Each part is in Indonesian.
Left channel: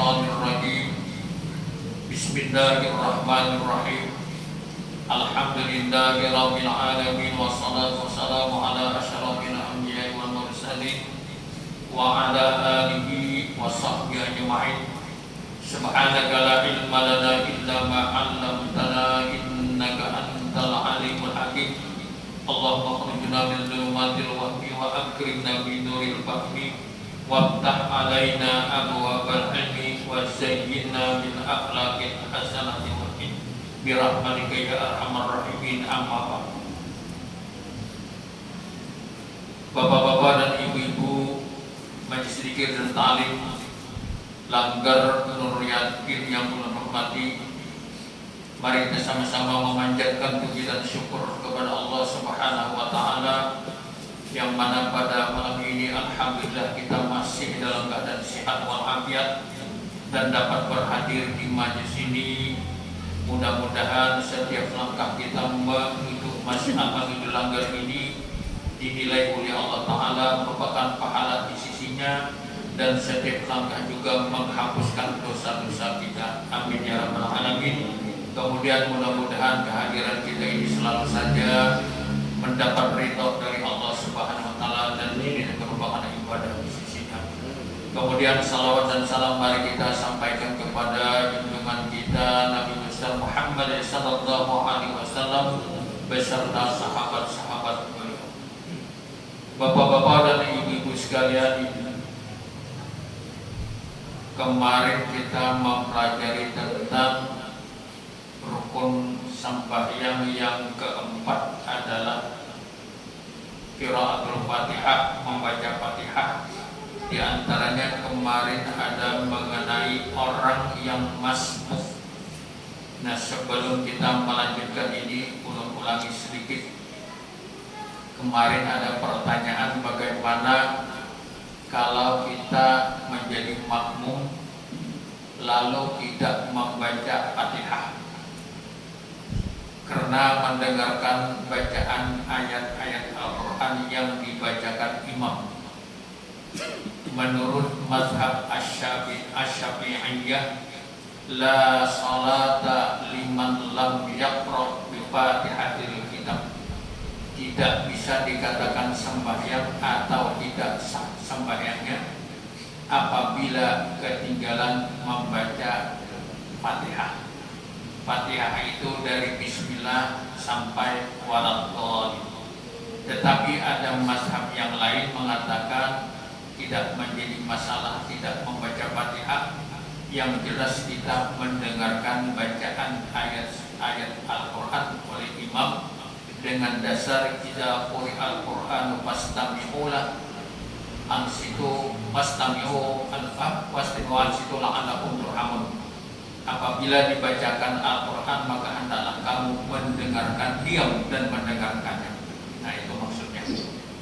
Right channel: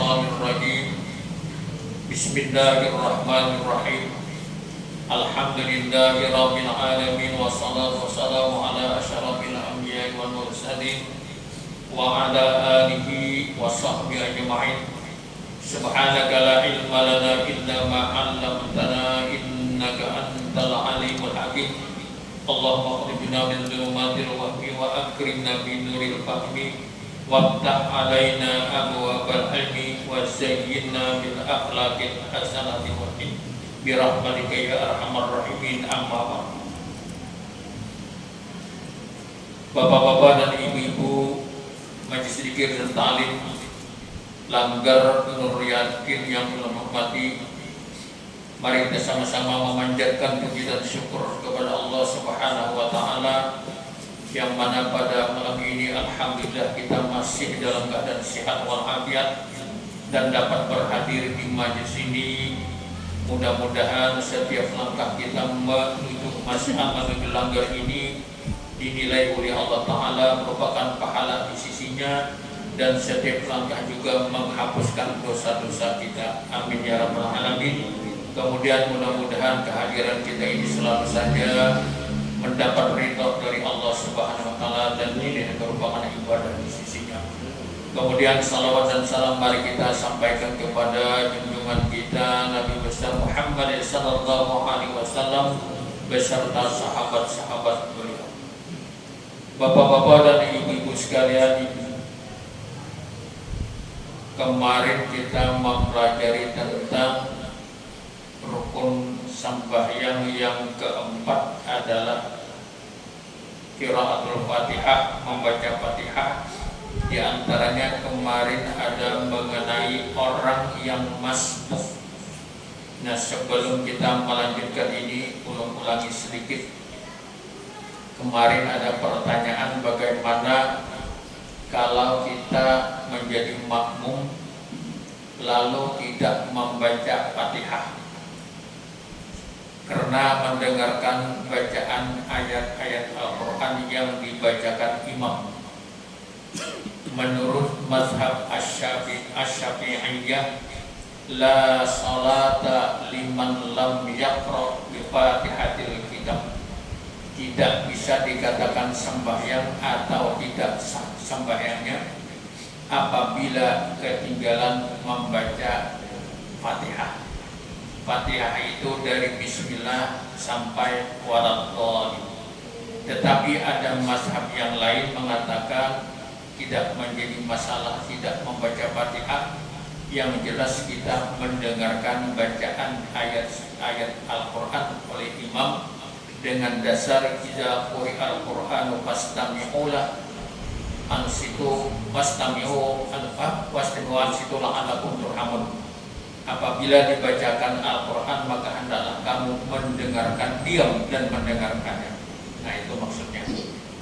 minasyaitonir rajim. Bismillahirrahmanirrahim. Alhamdulillahirabbil alamin wassalatu wassalamu ala asyrafil anbiya'i wal mursalin wa ala alihi washabbihi ajma'in. Subhanaka la ilma lana illa ma 'allamtana innaka antal alimul hakim. Allahumma khrijna min dhulumatil wahmi wa akrimna bi nuril fahmi waftah alaina abwaabal ilmi wa zayyinna bil akhlaqil hasanati wa bi rahmatika ya arhamar rahimin. Amma Bapak-bapak dan ibu-ibu Majelis Zikir dan Ta'lim Langgar Nur Yakin yang telah hormati, mari kita sama-sama memanjatkan puji dan syukur kepada Allah Subhanahu wa taala yang mana pada malam ini alhamdulillah kita masih dalam keadaan sehat walafiat dan dapat berhadir di majelis ini. Mudah-mudahan setiap langkah kita menuju masyarakat menuju langgar ini dinilai oleh Allah Ta'ala merupakan pahala di sisinya, dan setiap langkah juga menghapuskan dosa-dosa kita. Amin ya rabbal alamin. Kemudian mudah-mudahan kehadiran kita ini selalu saja mendapat ridho dari Allah Subhanahu wa taala, dan ini merupakan ibadah di sisinya. Kemudian salawat dan salam mari kita sampaikan kepada junjungan kita Nabi besar Muhammad sallallahu alaihi wasallam beserta sahabat-sahabat beliau. Bapak-bapak dan ibu-ibu sekalian, kemarin kita mempelajari tentang rukun sembahyang yang keempat adalah qiraatul Fatihah, membaca Fatihah. Di antaranya kemarin ada mengenai orang yang masbuk. Nah, sebelum kita melanjutkan ini, ulangi sedikit. Kemarin ada pertanyaan bagaimana kalau kita menjadi makmum lalu tidak membaca Fatihah karena mendengarkan bacaan ayat-ayat Al-Quran yang dibacakan imam. Menurut mazhab Asy-Syafi'iyah, la salata liman lam yaqra bi Fatihatil Kitab. Tidak bisa dikatakan sembahyang atau tidak sah sembahyangnya apabila ketinggalan membaca Fatihah. Fatihah itu dari Bismillah sampai Waladhdallin. Tetapi ada mazhab yang lain mengatakan tidak menjadi masalah tidak membaca Fatihah. Yang jelas kita mendengarkan bacaan ayat-ayat Al-Quran oleh imam dengan dasar idza quri'al Qur'anu fastami'u lahu ansitu fastami'u ansitu la'allakum turhamun. Apabila dibacakan Al-Quran maka hendaklah kamu mendengarkan, diam dan mendengarkannya. Nah, itu maksudnya.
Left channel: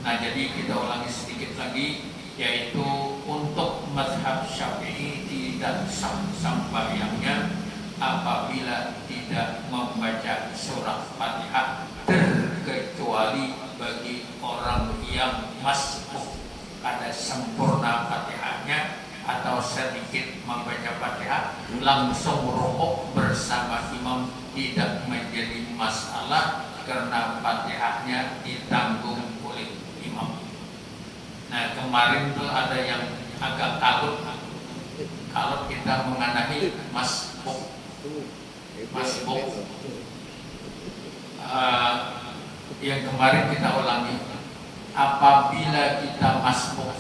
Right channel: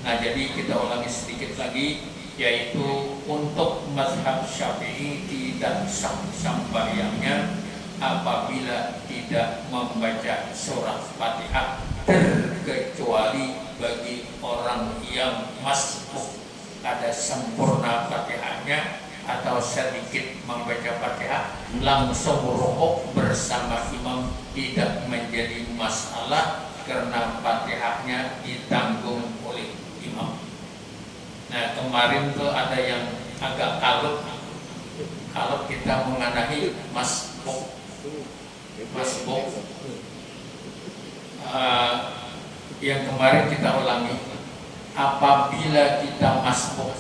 Nah, jadi kita ulangi sedikit lagi, yaitu untuk mazhab Syafi'i tidak sah sembahyangnya apabila tidak membaca surat Fatihah, terkecuali bagi orang yang masbuk, ada sempurna Fatihahnya atau sedikit membaca Fatihah langsung rukuk bersama imam, tidak menjadi masalah karena Fatihahnya ditanggung oleh imam. Nah, kemarin tuh ada yang agak kalut kalau kita mengenai masbuk. Yang kemarin kita ulangi, apabila kita masbuk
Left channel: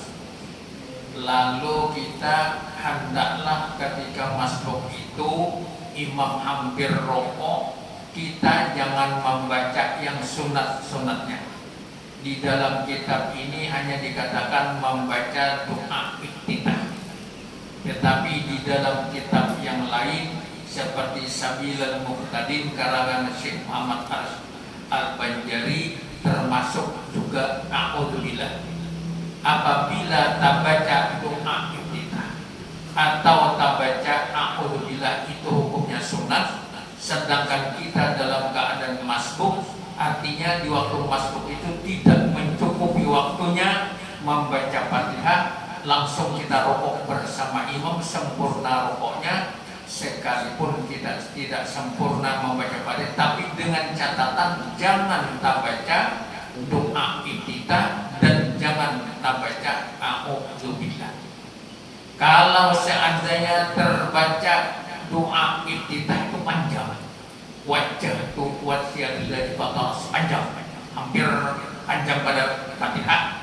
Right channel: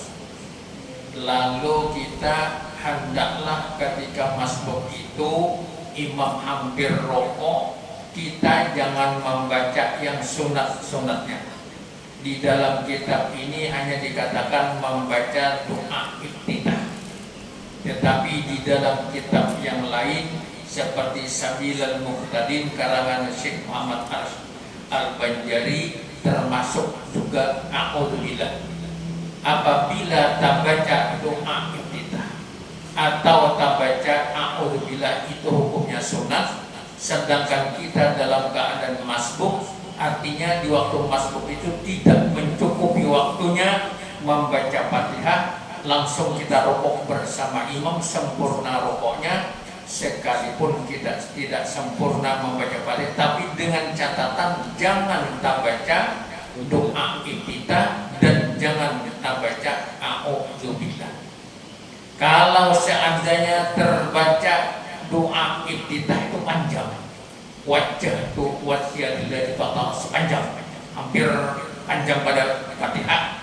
lalu kita hendaklah ketika masbuk itu imam hampir rukuk, kita jangan membaca yang sunat-sunatnya. Di dalam kitab ini hanya dikatakan membaca doa iftitah. Tetapi di dalam kitab yang lain seperti Sabilul Muhtadin karangan Syekh Muhammad Al-Banjari termasuk juga a'udzubillah. Apabila tak baca doa iftitah atau tak baca a'udzubillah itu hukumnya sunat, sedangkan kita dalam keadaan masbuk, artinya di waktu masbuk itu tidak mencukupi waktunya membaca Fatihah, langsung kita rokok bersama imam sempurna rokoknya, sekalipun kita tidak sempurna membaca Fatihah, tapi dengan catatan jangan kita baca doa iftitah dan jangan kita baca a'udzubillah. Kalau seandainya terbaca doa iftitah itu panjang, wajah tu wasiyatillah total sepanjang, hampir panjang pada Fatihah.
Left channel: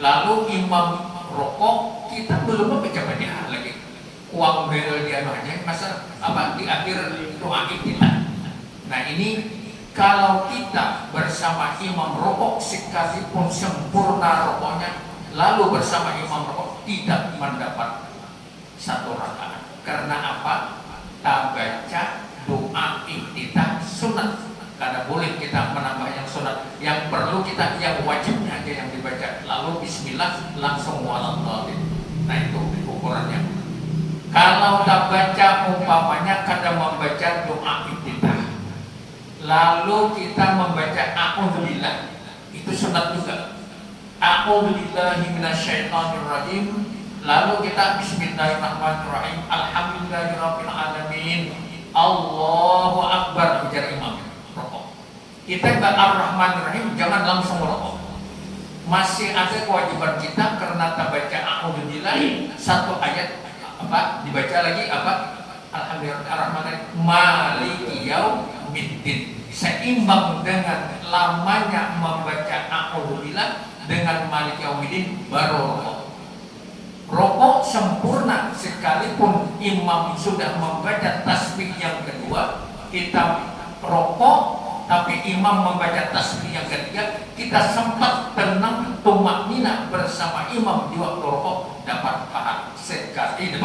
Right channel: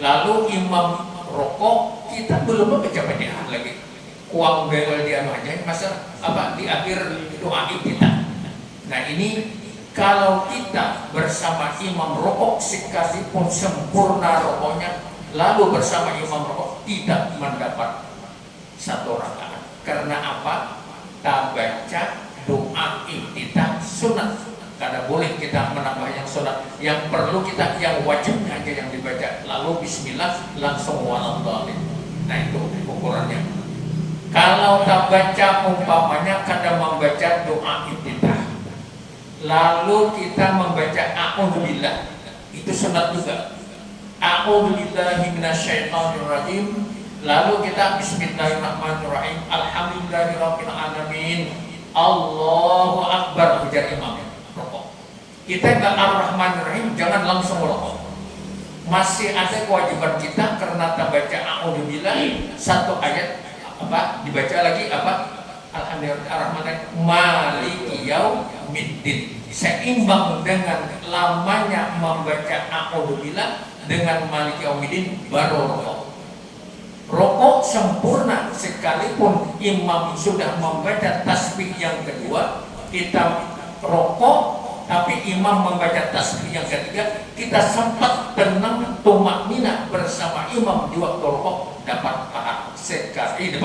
Lalu imam rokok, kita belum membaca Fatihah lagi, uang gaya dia aja masa apa di akhir doa iftitah. Nah ini kalau kita bersama imam rokok sekalipun sempurna rokoknya, lalu bersama imam rokok tidak mendapat satu rakaat. Karena apa? Kita baca doa iftitah sunat. Karena boleh kita menambah yang sunat. Yang perlu kita, yang wajibnya aja yang dibaca. Lalu bismillah langsung waladhdallin. Nah itu ukurannya. Kalau kita baca umpamanya kadang membaca doa iftitah, lalu kita membaca a'udzubillah, itu sunat juga. A'udzubillahi minasyaitonirrajim. Lalu kita bismillahirrahmanirrahim, alhamdulillahirabbil alamin, Allahu akbar, ujar imam rokok. Kita ke ar-rahmanirrahim jangan langsung rokok. Masih ada kewajiban kita karena kita baca a'udzubillah satu ayat apa dibaca lagi apa alhamdulillahirrahmanirrahim maliki yaumiddin, seimbang dengan lamanya membaca a'udzubillah dengan maliki yaumiddin baru rokok. Rokok sempurna sekalipun imam sudah membaca tasbih yang kedua, kita rokok tapi imam membaca tasbih yang ketiga, kita sempat tenang tumakninah bersama imam di waktu rokok, dapat pahala sekali,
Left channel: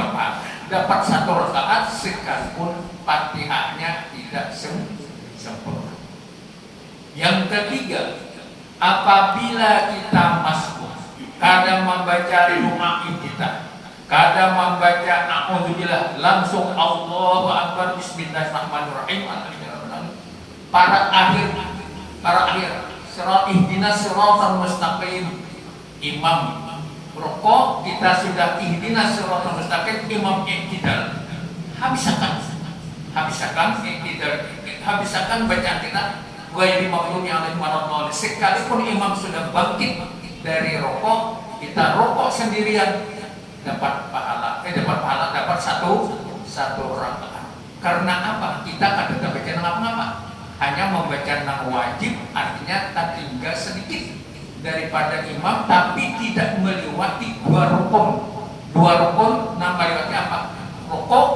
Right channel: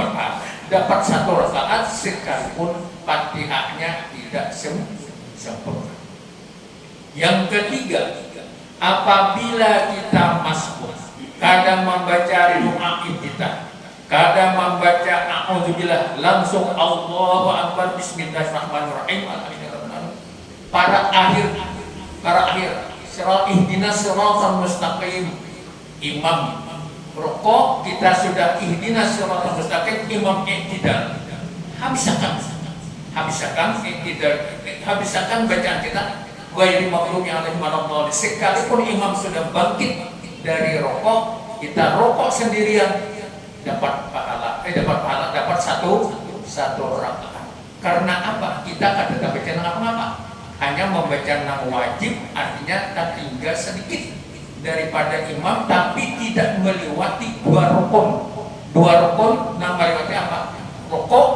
dapat satu rakaat sekalipun Fatihahnya tidak sempurna. Yang ketiga, apabila kita masbuk, kadang membaca doa iftitah, kadang membaca a'udzubillah, langsung Allahu akbar, bismillahirrahmanirrahim, para akhir surat ihdinas siratal mustaqim, imam rokok kita sudah ihdinas siratal mustaqim, imam iktidal, habiskan iktidal, habiskan bacaan kita ghairil maghdubi alaihim waladdallin. Sekalipun imam sudah bangkit dari rokok, kita rokok sendirian dapat pahala, dapat satu rakaat. Karena apa? Kita kadang baca nama, hanya membaca nama wajib, artinya tak tinggal sedikit daripada imam, tapi tidak melewati dua rukun. Nama lewati apa? Rokok,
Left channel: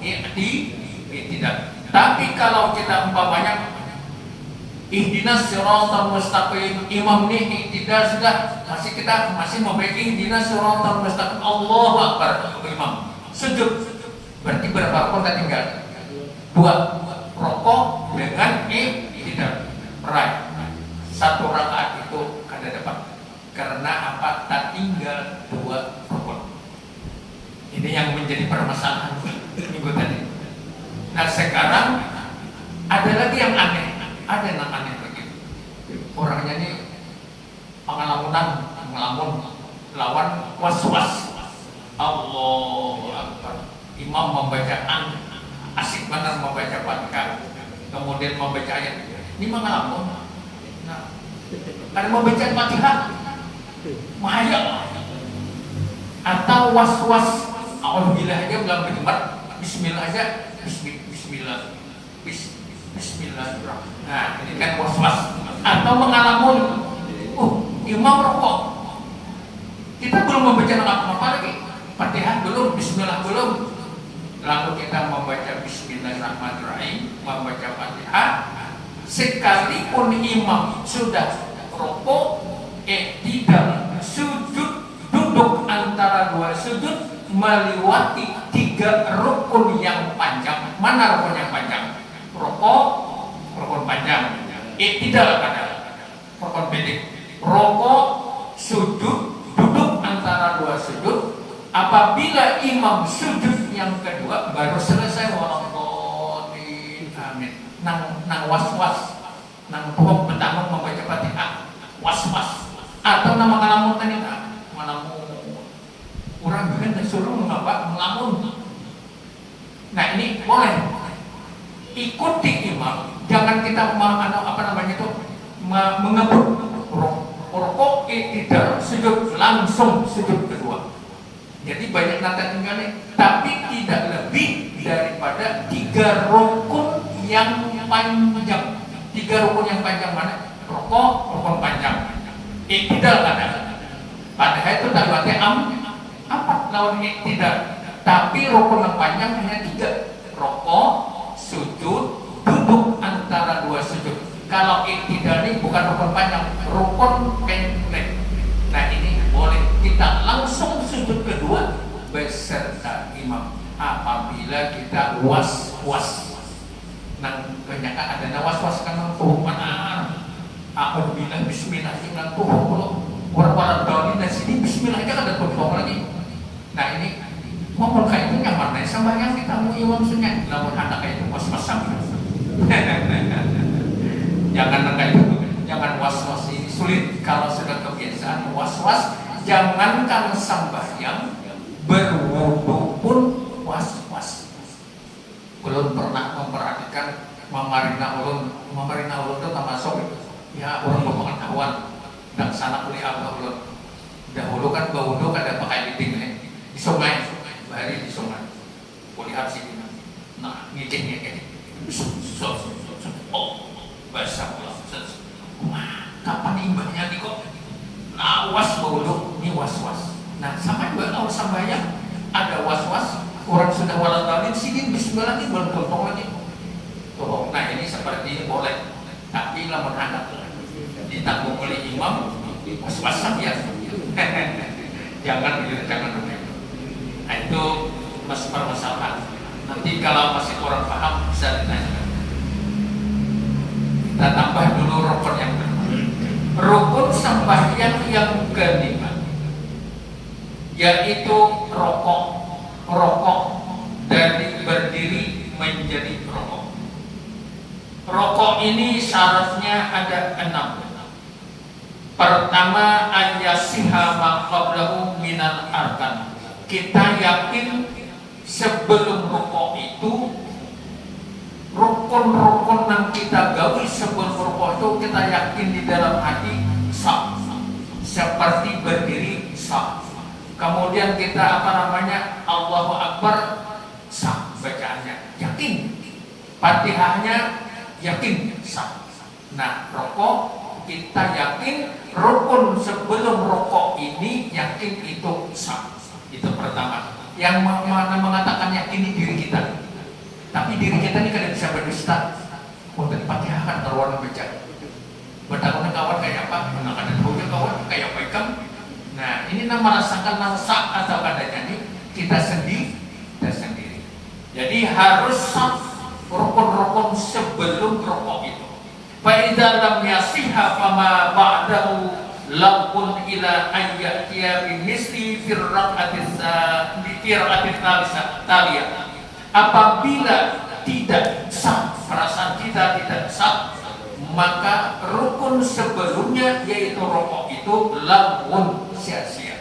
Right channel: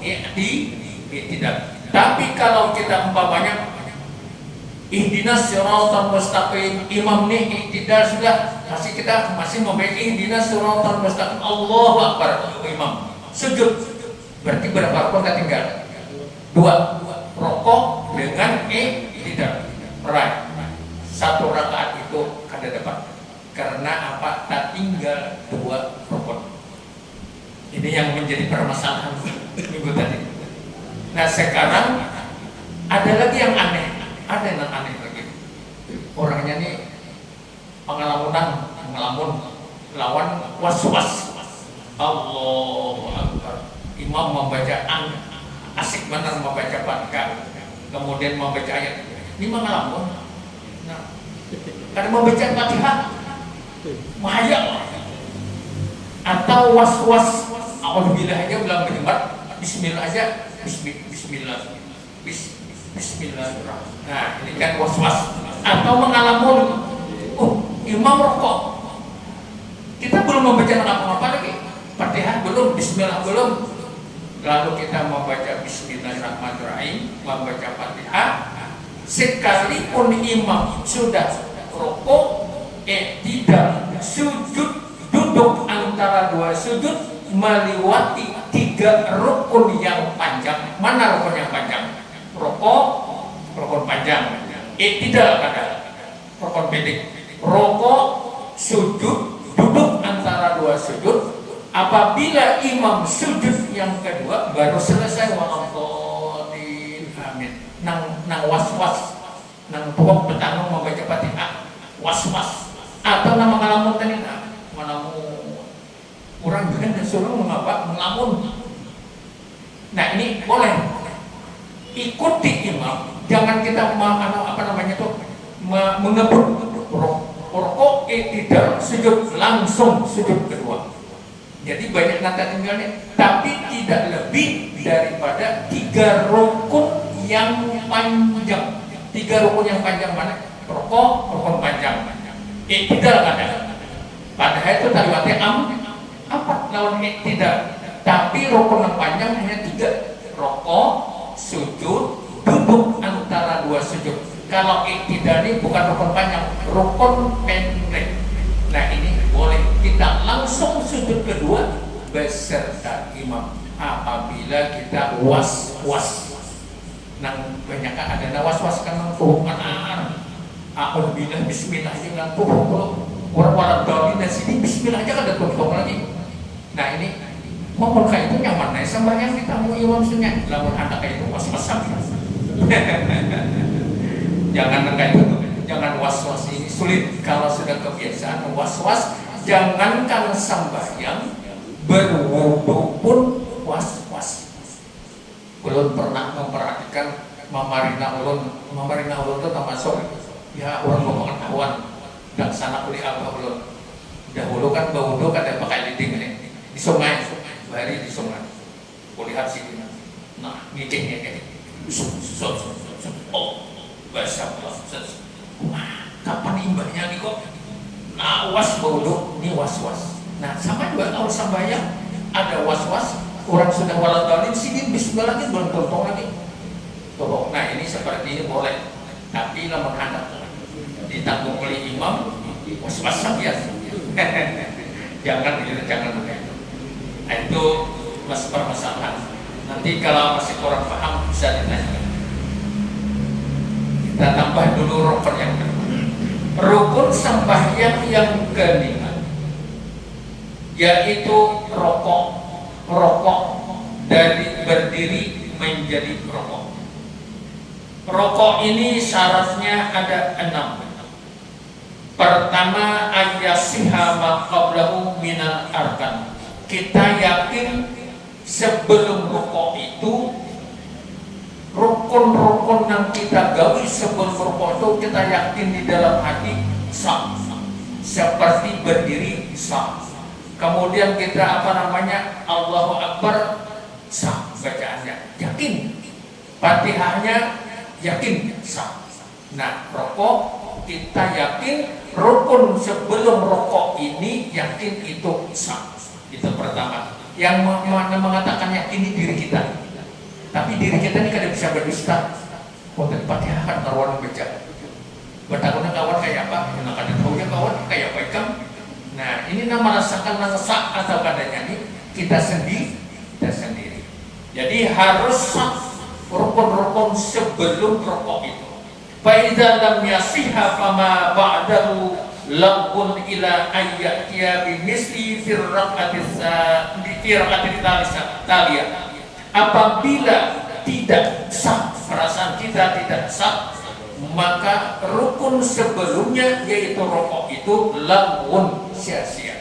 tidak. Tapi kalau kita umpamanya ihdinas siratal mustaqim, imam nih tidak sudah masih membaca ihdinas siratal mustaqim, Allahu akbar, imam sujud, berarti berapa rukun tinggal? Dua, rokok dengan tidak right, satu rakaat itu kada dapat. Karena apa? Tak tinggal dua rukun. Ini yang menjadi permasalahan minggu tadi. Nah sekarang ada lagi yang aneh. Ada yang aneh lagi. Orangnya nih ngelamun lawan was-was. Allahu akbar. Imam membaca asik benar membaca Fatihah, kemudian membaca ayat. Ini ngelamun. Nah, karena membaca Fatihah bahaya. Atau was-was. Alhamdulillah aja belum berdebat. Bismillah aja. Bismillah. Bismillahirrahmanirrahim. Nah, ini kan was-was. Atau mengalamun, imam rokok, kita belum membaca apa lagi, Fatihah belum, Bismillah belum, lalu kita membaca Bismillahirrahmanirrahim, membaca Fatihah, sekalipun imam sudah rokok, tidak sujud, duduk antara dua sujud, melewati tiga rukun yang panjang. Mana rukun yang panjang? Rokok, rukun panjang. Tidak ada rukun pendek. Rokok, sujud, duduk antara dua sujud. Apabila imam sujud yang kedua baru selesai waladhdallin, amin. Nang was-was, nang pohon petang membaca Fatihah, was-was. Atau nama ngalamun tadi ngalamun disuruh mengapa? Melamun. Nah ini boleh ikuti imam, jangan kita mengebut rokok tidak sujud langsung sujud kedua. Jadi banyak nata tinggalnya, tapi tidak lebih daripada 3 rukun yang panjang. 3 rukun yang panjang mana? Rukun panjang. Iktidal kan ada. Padahal itu dalamnya apa? Namun iktidal. Tapi rukun yang panjang hanya 3. Rokok, sujud, duduk antara 2 sujud. Kalau iktidal ini bukan rukun panjang, rukun pendek. Nah ini boleh kita langsung sujud kedua beserta imam apabila kita was-was. Nah banyak ada was-was kan tuh mana? Aku bilang Bismillah aja bilang tuh orang-orang Bali dan sini Bismillah aja ada tuh lagi. Nah ini mau kayak itu nyaman nih sembahyang kita mau imam sunnya lawan anak kayak itu pas-pasan. Jangan kayak itu, jangan was-was ini sulit kalau sudah kebiasaan was-was. Jangankan sembahyang berwudu pun was-was. Belum pernah memperhatikan memarina ulun itu termasuk ya orang pengetahuan dan sana kuliah ulun. Dahulu kan berwudu ada pakai liding nih di sungai, hari di sungai. Kuliah sini. Nah, ngicing oh, basah kapan imbahnya nih kok? Nah, was berwudu, ini was-was. Nah, sama juga kalau sembahyang ada was-was, orang sudah walau sini bismillah ini belum tolong lagi. Tolong. Nah, ini seperti ini boleh. Tapi lamun anak ditanggung oleh imam, was-wasan ya. jangan begitu. Nah, itu masih permasalahan. Nanti kalau masih kurang paham bisa ditanyakan. Kita tambah dulu rukun yang kedua. Rukun sembahyang yang kelima yaitu rokok dari berdiri menjadi rokok. Rokok ini syaratnya ada 6. Pertama, ayyasiha ma qablahu minal arkan. Kita yakin sebelum rokok itu rukun-rukun yang kita gawi sebelum rukuk itu kita yakin di dalam hati sah, seperti berdiri sah. Kemudian kita Allahu Akbar sah bacaannya, yakin. Fatihahnya yakin sah. Nah rukuk kita yakin rukun sebelum rukuk ini yakin itu sah. Itu pertama. Yang mengatakan yakin di diri kita. Tapi diri kita ini kadang bisa berdusta. Mau Fatihah kan orang baca. Bertakutnya kawan kayak apa? Yang akan tahunya kawan kayak apa? Nah ini nama rasakan nangsa atau kadangnya ini kita sendiri. Jadi harus sah rukun-rukun sebelum rukuk itu. Fa'idza lam yasiha fama ba'dahu lagun ila ayyatiya bimisli firraqatis taliyah. Apabila tidak sah, perasaan kita tidak sah, maka rukun sebelumnya yaitu rukuk itu lagun sia-sia.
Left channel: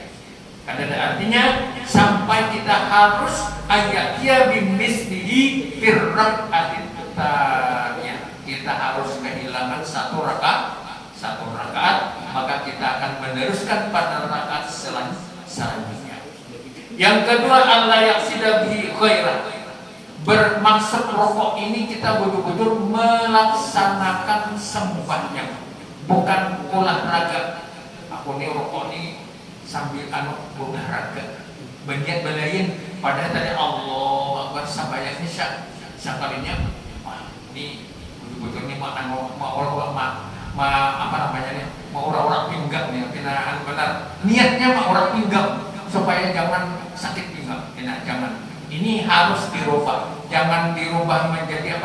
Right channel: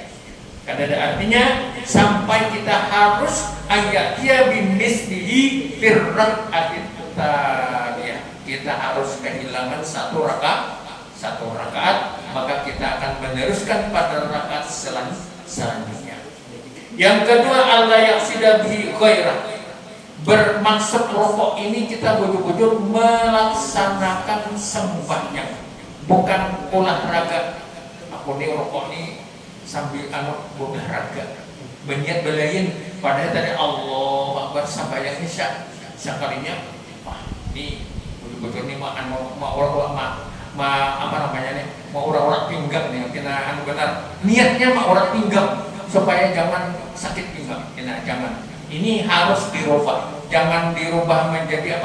Karena ada artinya sampai kita harus ayatnya bimislihi firraqatit taliyah. Kita harus kehilangan satu rakaat, maka kita akan meneruskan pada rakaat selanjutnya. Yang kedua, Allah yang sudah ghairah. Bermaksud rokok ini kita wujud-wujud melaksanakan sembahyang, bukan olahraga. Aku nih rokok nih sambil olahraga, banyak belain. Padahal tadi Allah Akbar sembahyangnya sekalinya. Wah, ini wujud-wujud ini mau orang mau orang pinggang nih, kena benar. Niatnya mau orang pinggang supaya jangan sakit pinggang, jangan. Ini harus dirubah. Jangan dirubah menjadi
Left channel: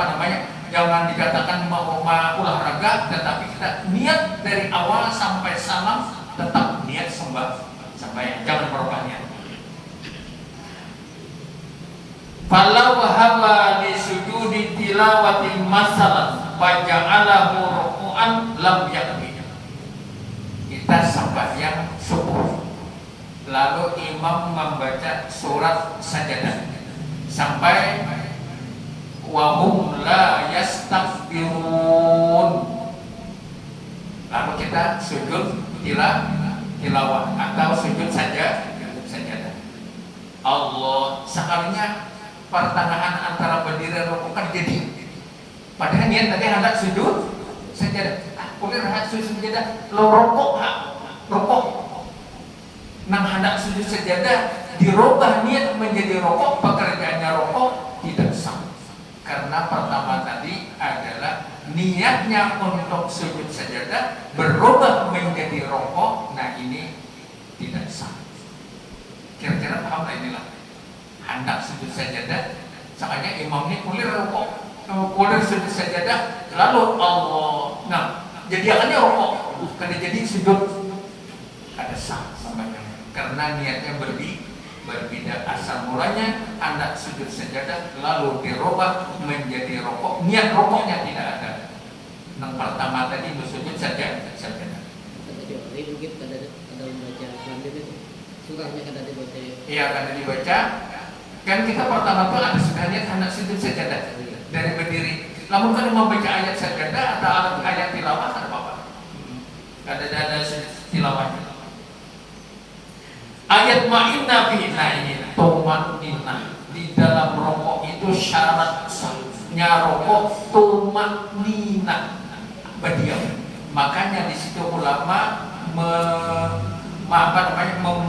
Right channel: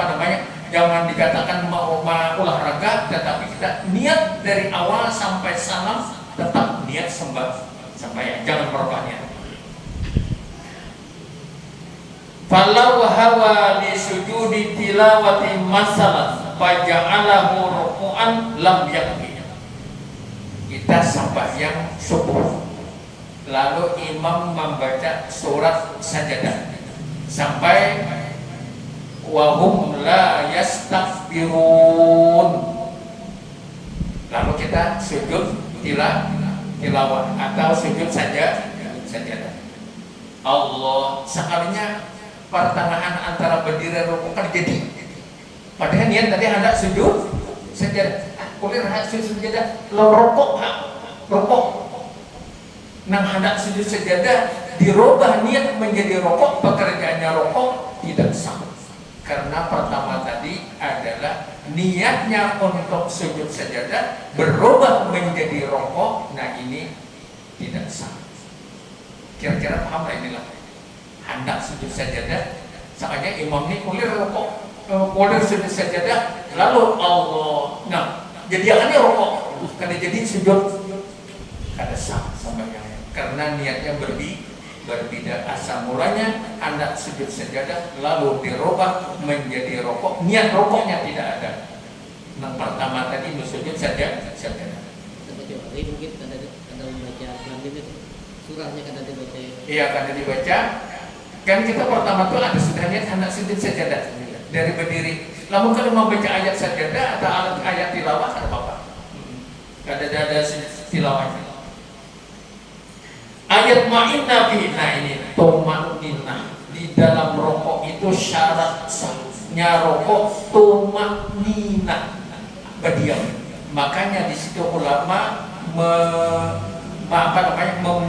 jangan dikatakan mau olahraga, tetapi kita niat dari awal sampai salam tetap niat sembahyang, jangan merubahnya. Falau hawa di sujudi tilawati masalah faja'alahu ruku'an lam yakni. Kita sembahyang subuh lalu imam membaca surat sajadah sampai wahum la yastakbirun, lalu kita sujud tilawah atau sujud sajadah. Allah, sekalinya pertengahan antara berdiri dan rukuk kan jadi, padahal niat tadi hendak sujud sajadah. Boleh hendak sujud sajadah, lo rokok. Nang hendak sujud sajadah dirubah niat menjadi rokok, pekerjaannya rokok tidak sah. Karena pertama tadi adalah niatnya untuk sujud sajadah berubah menjadi rokok, nah ini tidak sah. Kira-kira paham inilah hendak sujud sajadah, makanya imam ini kulir rokok, kulir sujud sajadah, lalu Allah, nah jadi akannya rokok, karena jadi sujud kada sah sampai karena niatnya berbeda. Asal mulanya hendak sujud sajadah lalu dirubah menjadi rokok, niat rokoknya tidak ada. Yang pertama tadi sujud sajadah. Ini mungkin kada membaca surahnya kada dibaca. Iya, kada dibaca. Kan kita pertama tuh ada sudah niat hendak sujud sajadah dari berdiri. Lalu kalau membaca ayat sajadah atau ayat tilawah kada apa-apa. Kada ada tilawahnya. Ayat ma'inna fi, nah ini tumaknina di dalam rokok itu syarat sahnya rokok tumaknina berdiam. Makanya di situ ulama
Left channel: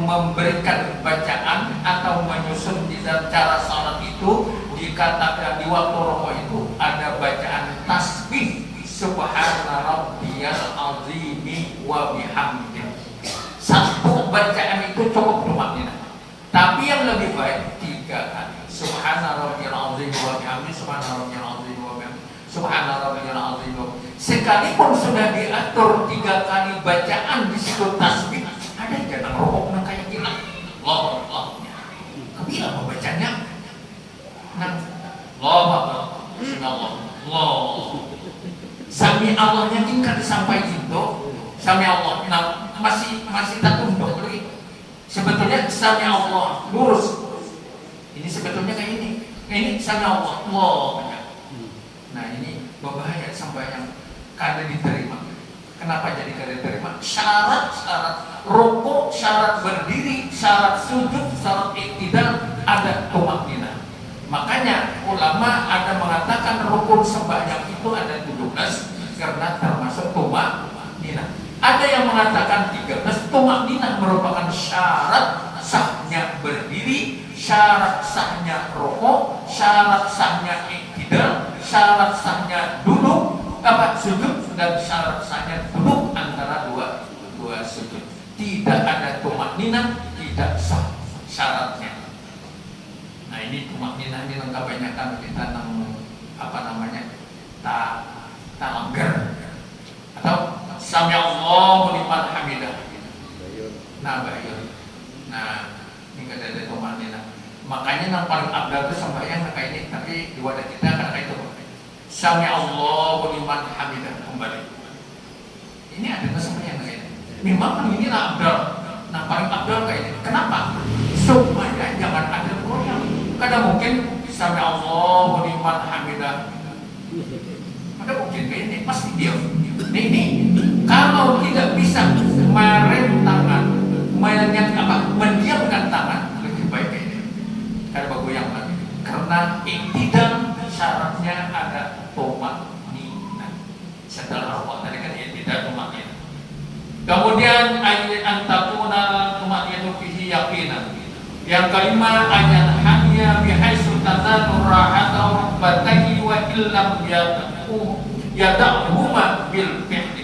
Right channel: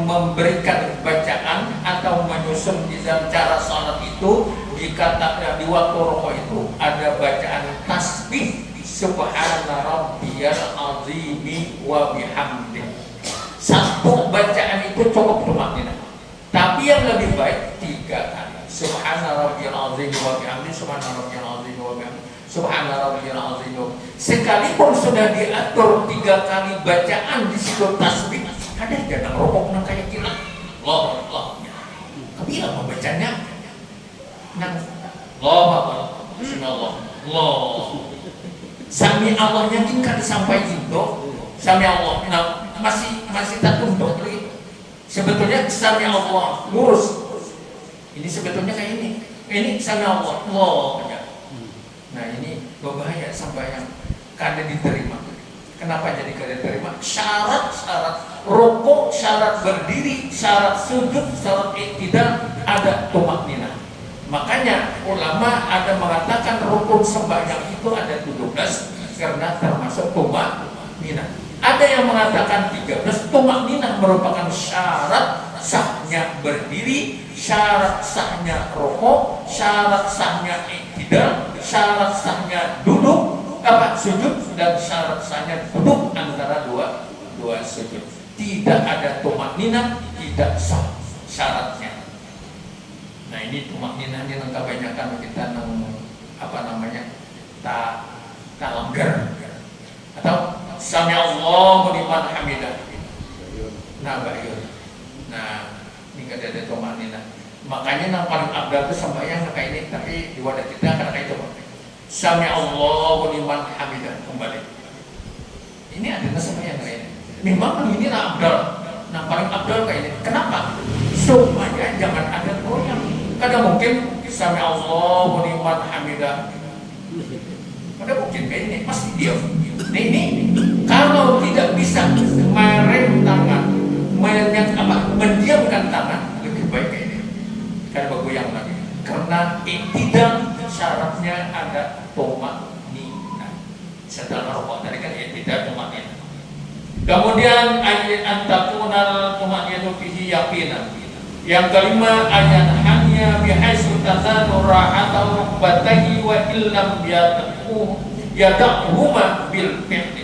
memberikan bacaan atau menyusun di dalam cara salat itu dikatakan di waktu rokok itu ada bacaan tasbih subhana rabbiyal azimi wa bihamdih. Satu bacaan itu cukup tumaknina. Tapi yang lebih baik 3 kali. Subhana rabbiyal azim wa bihamdihi, subhana rabbiyal azim wa bihamdihi, subhana rabbiyal azim. Sekalipun sudah diatur 3 kali bacaan di situ tasbih, ada jangan rokok nang kayak gila. Allah. Kabila mau bacanya. Nah, Allah. Bismillah. Allah. Sami Allahnya tingkat sampai itu. Sami Allah. Nah, masih tak tunduk lagi. Sebetulnya sami Allah lurus. Ini sebetulnya kayak ini. Ini sami Allah. Nah, ini berbahaya sampai yang kada diterima. Kenapa jadi kada diterima? Syarat rukuk, syarat berdiri, syarat sujud, syarat iktidal ada tumaknina. Makanya ulama ada mengatakan rukun sembahyang itu ada 17 karena termasuk tumaknina. Ada yang mengatakan 13. Tumakninah merupakan syarat sahnya berdiri, syarat sahnya rukuk, syarat sahnya iktidal, syarat sahnya duduk, sujud, dan syarat sahnya duduk antara dua sujud. Tidak ada tumakninah, tidak sah syaratnya. Nah, ini tumakninah ini kebanyakan kita tak langgar atau sami Allahu liman hamidah. Nah, ini kada ada tumakninah. Makanya yang paling abdal itu sembahyang kayak ini, tapi di wadah kita kan kayak itu. Sami Allahu liman hamidah kembali. Ini ada sembahyang kayak ini. Memang ini lah abdal. Nah, paling abdal kayak ini. Kenapa? Supaya jangan ada goyang. Kadang mungkin sami Allahu liman hamidah. Ada mungkin kayak ini pasti diam. Ini kalau tidak bisa merem tangan, mendiamkan tangan, lebih baik kayak ini. Kan bergoyang lagi. Karena iktidal syaratnya ada tumakninah. Setelah rukuk tadi kan iktidal tumakninah. Kemudian ayat antakuna tumakninah fihi yaqinan. Yang kelima ayat hanya bihaisu tazanu rahatahu batahi wa illam yada'huma bil fi'li.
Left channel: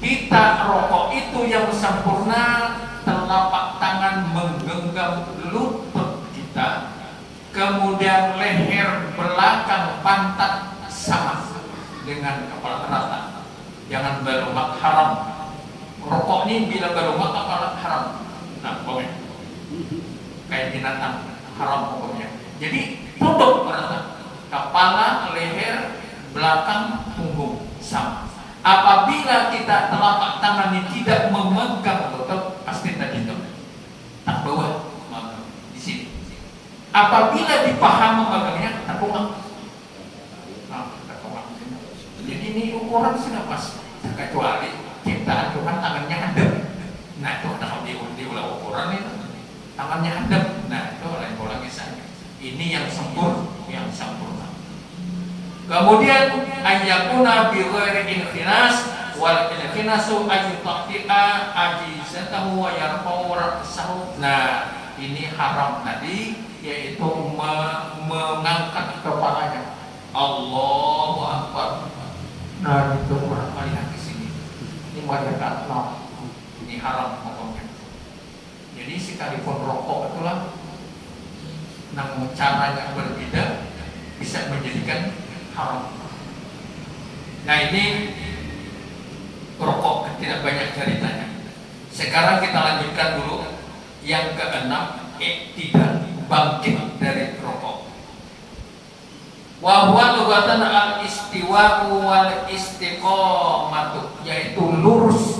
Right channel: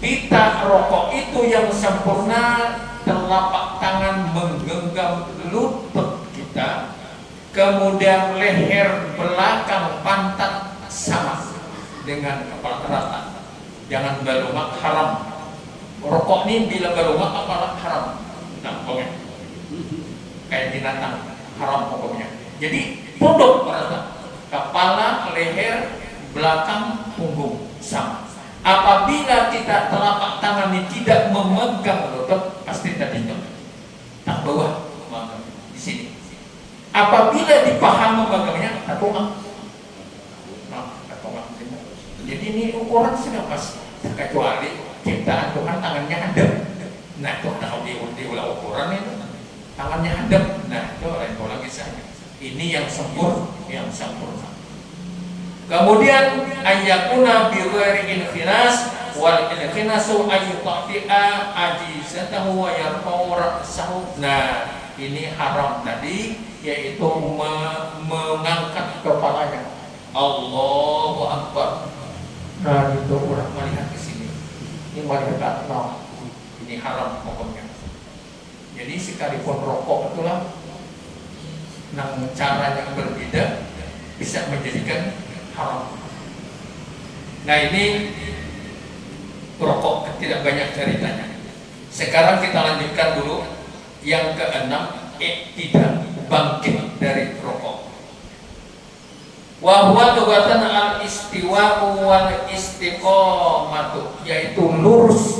Kita rokok itu yang sempurna, telapak tangan menggenggam lutut kita, kemudian leher belakang pantat sama dengan kepala rata. Jangan berlumak haram. Rokok ini bila berlumak kepala haram. Nah, pokoknya kayak binatang haram pokoknya. Jadi tunduk rata, kepala, leher, belakang, punggung sama. Apabila kita telapak tangan ini tidak memegang lutut, pasti tadi itu tak sebelah bawah di sini. Apabila dipahami bagainya tepung. Jadi ini ukuran sudah pas, kecuali ciptaan Tuhan tangannya ada. Nah itu kalau diulah ukuran itu tangannya ada. Nah itu lain lagi saja. Ini yang sempurna. Kemudian ayatuna bi ghairi infinas wal infinasu ayutati'a ajizatahu wa yarfa'u ra'sahu. Nah ini haram tadi, yaitu mengangkat kepalanya. Allahu Akbar. Nah itu orang melihat ke sini. Ini wajah no. Ini haram pokoknya. Jadi sekalipun rokok itulah, namun cara yang berbeda bisa menjadikan haram. Nah ini rokok tidak banyak ceritanya. Sekarang kita lanjutkan dulu yang keenam, tidak bangkit dari rokok. Wa huwa lughatan al-istiwa'u wal istiqamatu, yaitu lurus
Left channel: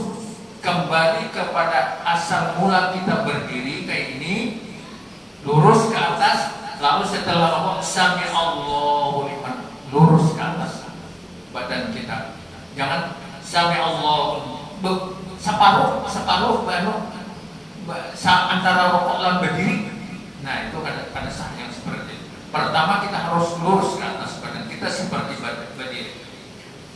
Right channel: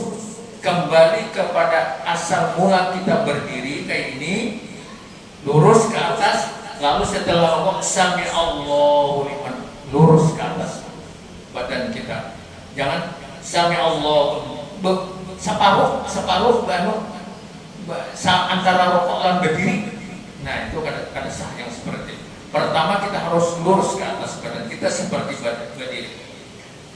kembali kepada asal mula kita berdiri kayak ini, lurus ke atas, lalu setelah Allah sami Allahu liman, lurus ke atas badan kita. Jangan sami Allah separuh antara rokok dan berdiri. Nah itu kada sah yang seperti itu. Pertama kita harus lurus ke atas badan kita seperti berdiri.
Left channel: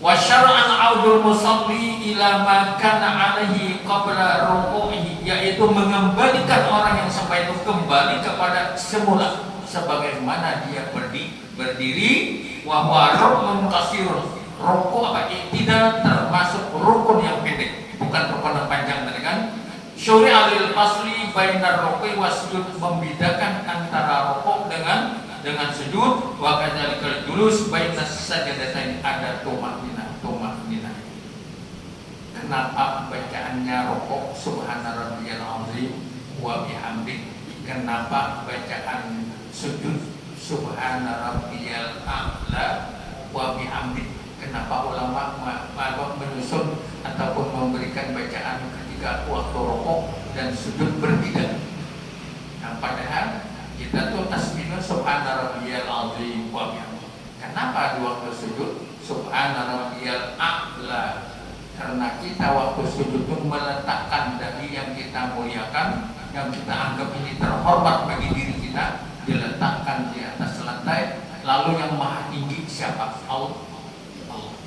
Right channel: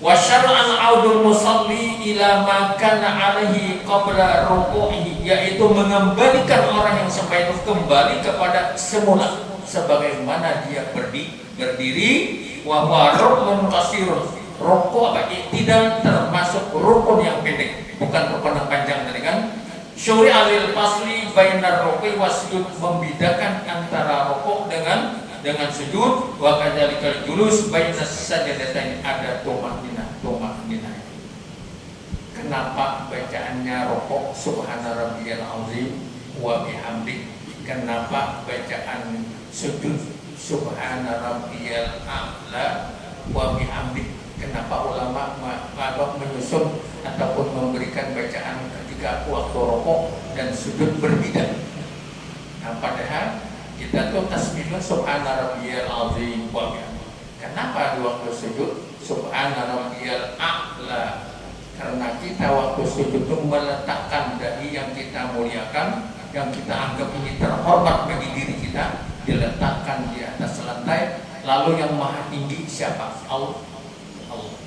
Wa syar'an audul musalli ila ma kana alaihi qabla ruku'ihi, yaitu mengembalikan orang yang sampai itu kembali kepada semula sebagaimana dia berdiri. Wa huwa rukun qasirun, rukuk tidak termasuk rukun yang pendek, bukan rukun yang panjang tadi kan. Syuri'a lil fasli bainar ruku'i wasjud, membedakan antara rukuk dengan sujud. Wa kadzalikal julus bainas sajdatain, ada tumakninah. Kenapa bacaannya rokok subhana rabbiyal azim wa bihamdi? Kenapa bacaan sujud subhana rabbiyal a'la wa bihamdi? Kenapa ulama menyusun ataupun memberikan bacaan ketika waktu rokok dan sujud berbeda? Nah, padahal kita tuh tasbihnya subhana rabbiyal azim wa bihamdi. Kenapa di waktu sujud subhana rabbiyal a'la? Karena kita waktu sujud itu meletakkan dari yang kita muliakan, yang kita anggap ini terhormat bagi diri kita, diletakkan di atas lantai. Lalu yang maha tinggi siapa? Allah.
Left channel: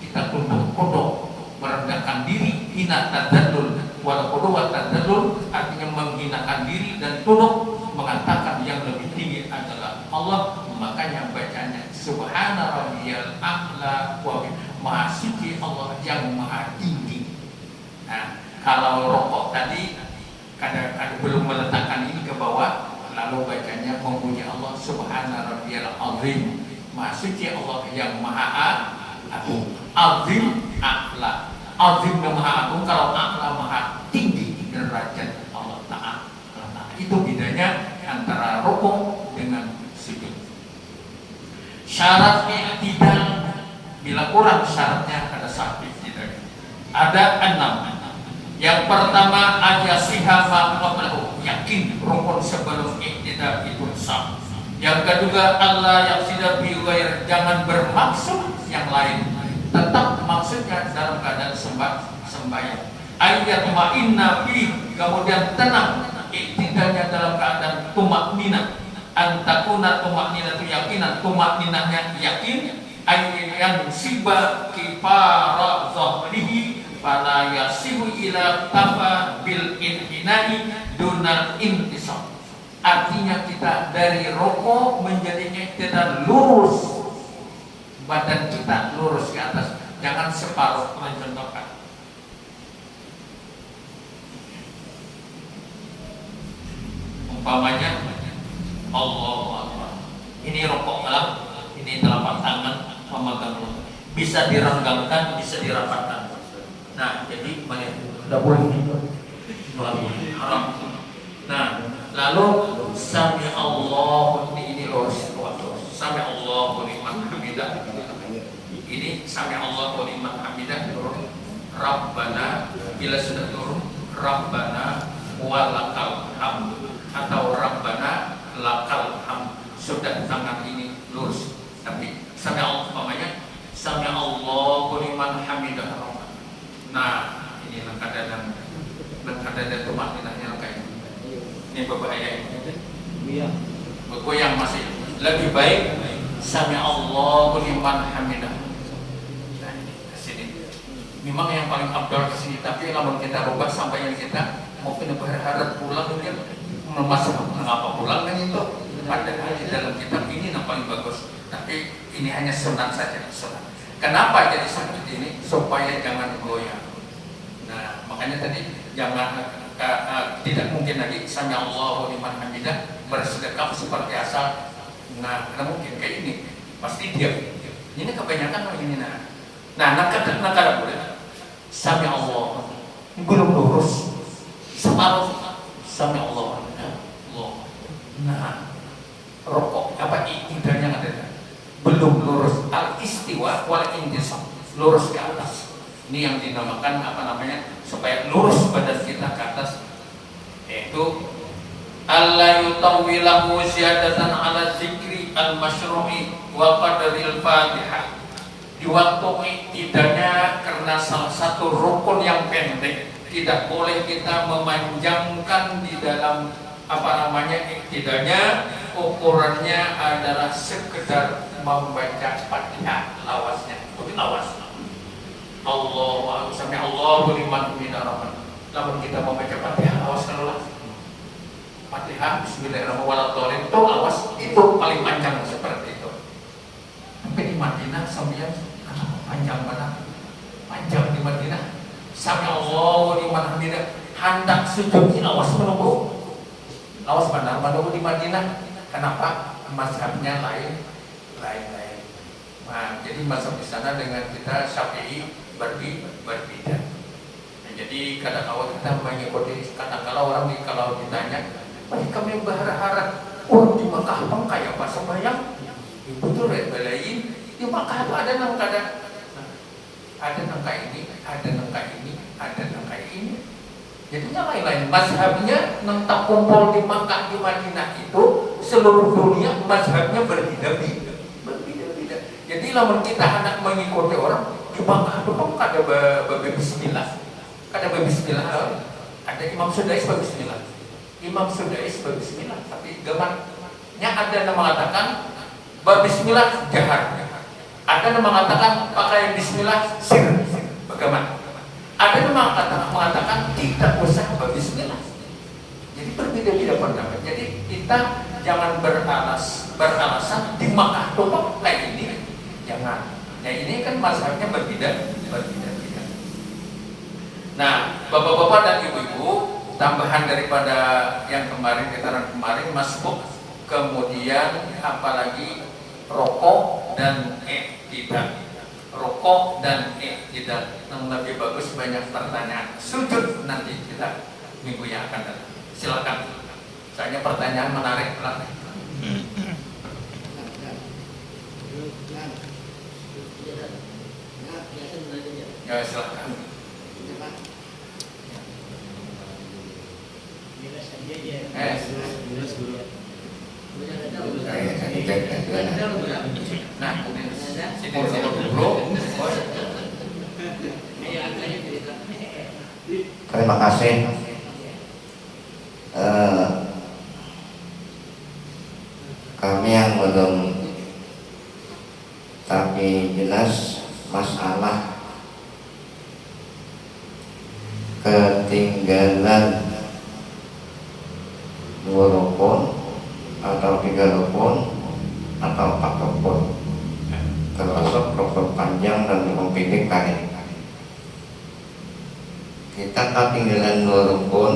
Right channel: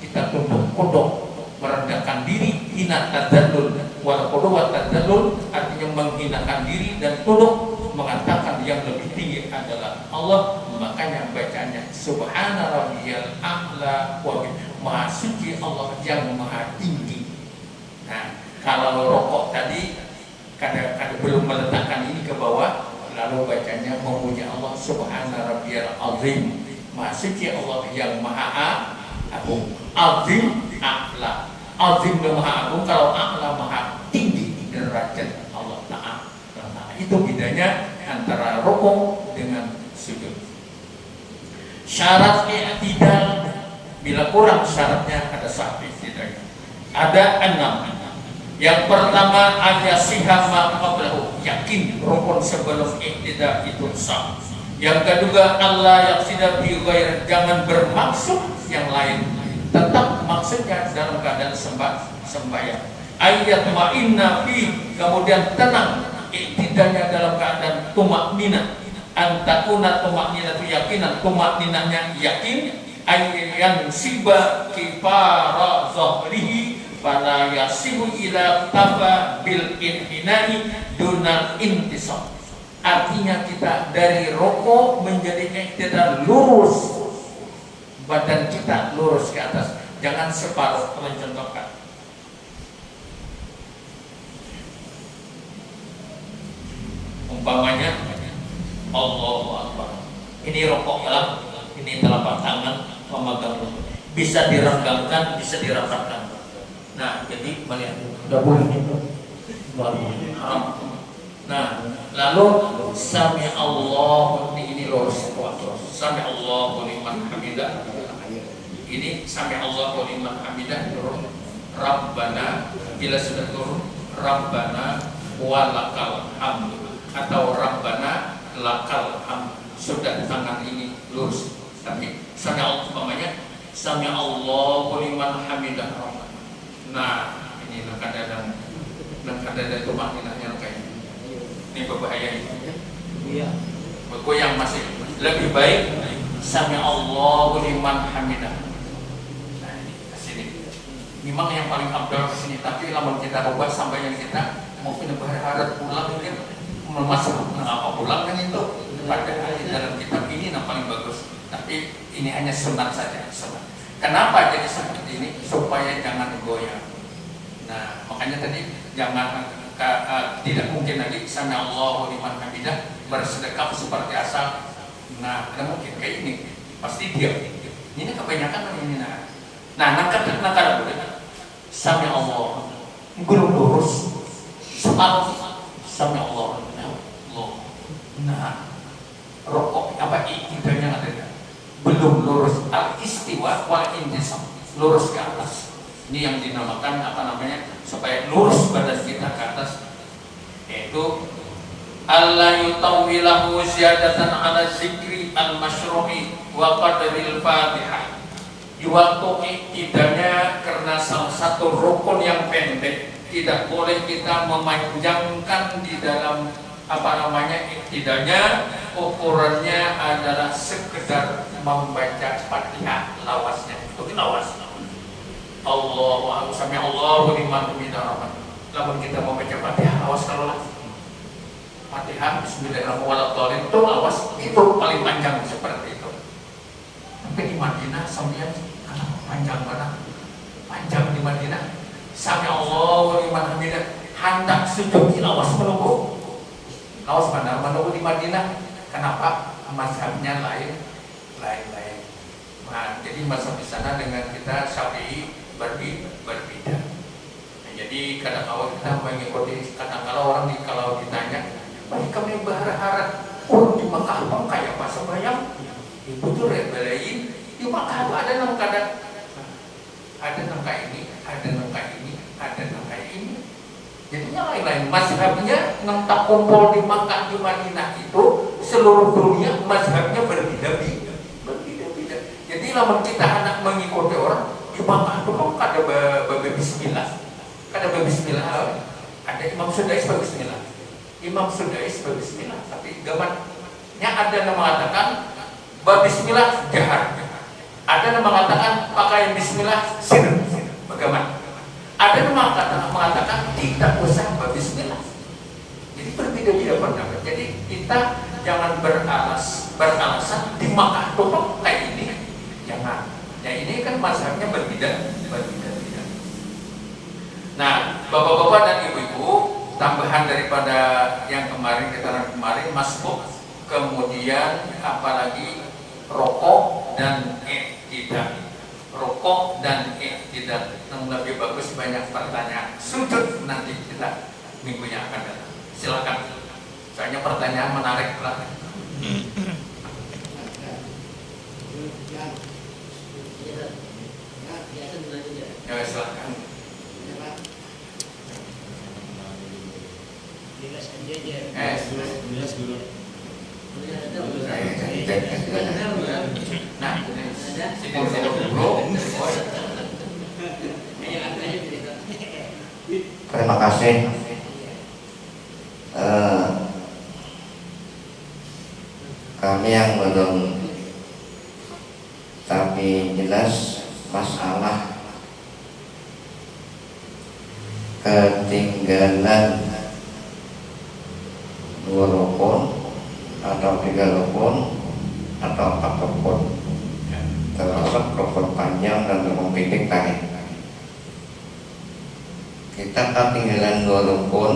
Kita tunduk kodok, merendahkan diri, hina tadzallul. Wal qudwa tadzallul artinya menghinakan diri dan tunduk, mengatakan yang lebih tinggi adalah Allah. Makanya bacanya subhana rabbiyal a'la wa maha suci Allah yang maha tinggi. Nah, kalau rokok tadi kadang-kadang belum meletakkan ini ke bawah, lalu bacanya memuji Allah subhana rabbiyal azim, maha suci Allah yang maha agung. Azim a'la, azim dan maha agung. Kalau a'la maha tinggi derajat Allah Ta'ala. Itu bedanya antara rokok dengan sujud. Syarat i'tidal, bila kurang syaratnya ada satu tidak. Ada 6. Yang pertama ada sihama qablahu, yakin rukun sebelum i'tidal itu sah. Yang kedua Allah yang tidak bighair, jangan bermaksud yang lain, tetap maksudnya dalam keadaan sembahyang. Ayat ma'inna fi, kemudian tenang, i'tidalnya dalam keadaan tumakninah. Antakuna tumakninah itu yakinan, tumakninahnya yakin. Ayyan siba kifara zahrihi fala yasibu ila tafa bil inhinai duna intisab. Artinya kita dari rokok menjadi i'tidal, lurus badan kita, lurus ke atas, jangan separuh. Mencontohkan umpamanya Allahu Akbar, ini rokok lah, ini telapak tangan memegang rokok, bisa direnggangkan, bisa dirapatkan. Nah, jadi melihat tidak boleh itu haram. Nah, lalu sami Allahu, ini lurus, sami Allahu liman hamidah. Ini sami Allahu liman hamidah turun. Rabbana, bila sudah turun Rabbana walakal hamd. atau Rabbana lakal hamd. Sudah tangan ini lurus. Tapi sami Allah umpamanya sami Allahu liman hamidah. Nah, ini kadang tumaninahnya kayak ini berbahaya ini. Iya. Bergoyang masih lebih baik sami Allahu liman hamidah. Nah, ini ke sini. Memang yang paling abdul ke sini, tapi lamun kita ubah sampai yang kita mungkin berharap pulang mungkin memasak apa pulang kan itu. Padahal di dalam kitab ini yang paling bagus. Tapi ini hanya sunat saja, sunat. Kenapa jadi seperti ini? Supaya jangan goyang. Nah, makanya tadi jangan tidak mungkin lagi sami Allahu liman hamidah bersedekah seperti asal. Nah, tidak mungkin kayak ini. Pasti diam. Ini kebanyakan ini. Nah, nakal boleh. Sami Allah belum lurus. Separuh sami Allah. Nah, rokok apa idanya ada belum lurus al istiwa wal intisab, lurus ke atas. Ini yang dinamakan apa namanya supaya lurus badan kita ke atas, yaitu alla yutawwilahu ziyadatan ala zikri al masyru'i wa qadril fatihah. Di waktu idanya karena salah satu rukun yang pendek, tidak boleh kita memanjangkan di dalam apa namanya iktidanya. Ukurannya adalah sekedar membaca Fatihah, lawasnya itu lawas. Allahu sami Allahu liman hamidah. Lamun kita membaca Fatihah lawas lawas. Fatihah bismillahirrahmanirrahim itu lawas, itu paling panjang seperti itu. Tapi di Madinah sambil panjang mana? Panjang di Madinah. Sami Allahu liman hamidah. Hendak sujud di lawas menunggu. Lawas mana menunggu di Madinah. Kenapa? Mazhabnya lain. Nah, jadi mazhab di sana dengan kita Syafi'i berbeda. Nah, jadi kadang-kadang kita mengikuti kadang-kadang orang kalau ditanya, kami berharap di Makkah kayak apa sembahyang? Ibu tuh belain di Makkah itu ada nangkada, ada nangka ini, ada nangka ini, ada nangka ini. Jadi lain-lain mazhabnya nang tak kumpul di Makkah di Madinah itu seluruh dunia mazhabnya berbeda-beda. Jadi lamun kita hendak mengikuti orang di Makkah itu ada bismillah, ada Imam Sudais berbismillah, tapi gamannya ada yang mengatakan berbismillah jahar, ada yang mengatakan pakai bismillah sir, bagaimana? Ada yang mengatakan tidak usah berbismillah. Jadi berbeda-beda pendapat. Jadi kita jangan beralasan di Makkah tutup kayak ini, jangan. Ya ini kan mazhabnya berbeda. Nah, bapak-bapak dan ibu-ibu, tambahan daripada yang keterangan kemarin masbuk, kemudian apalagi rokok dan tidak. Rokok dan tidak, yang lebih bagus banyak pertanyaan. Sujud nanti kita minggu yang akan datang. Silakan. Soalnya pertanyaan menarik lah. Ya silakan. Nah, terima kasih. Kami yang belum tapi jelas masalah ketinggalan 2 rukun atau 3 rukun atau 4 rukun, termasuk rukun panjang dan rukun pendek kain. Kita ketinggalan 2 rukun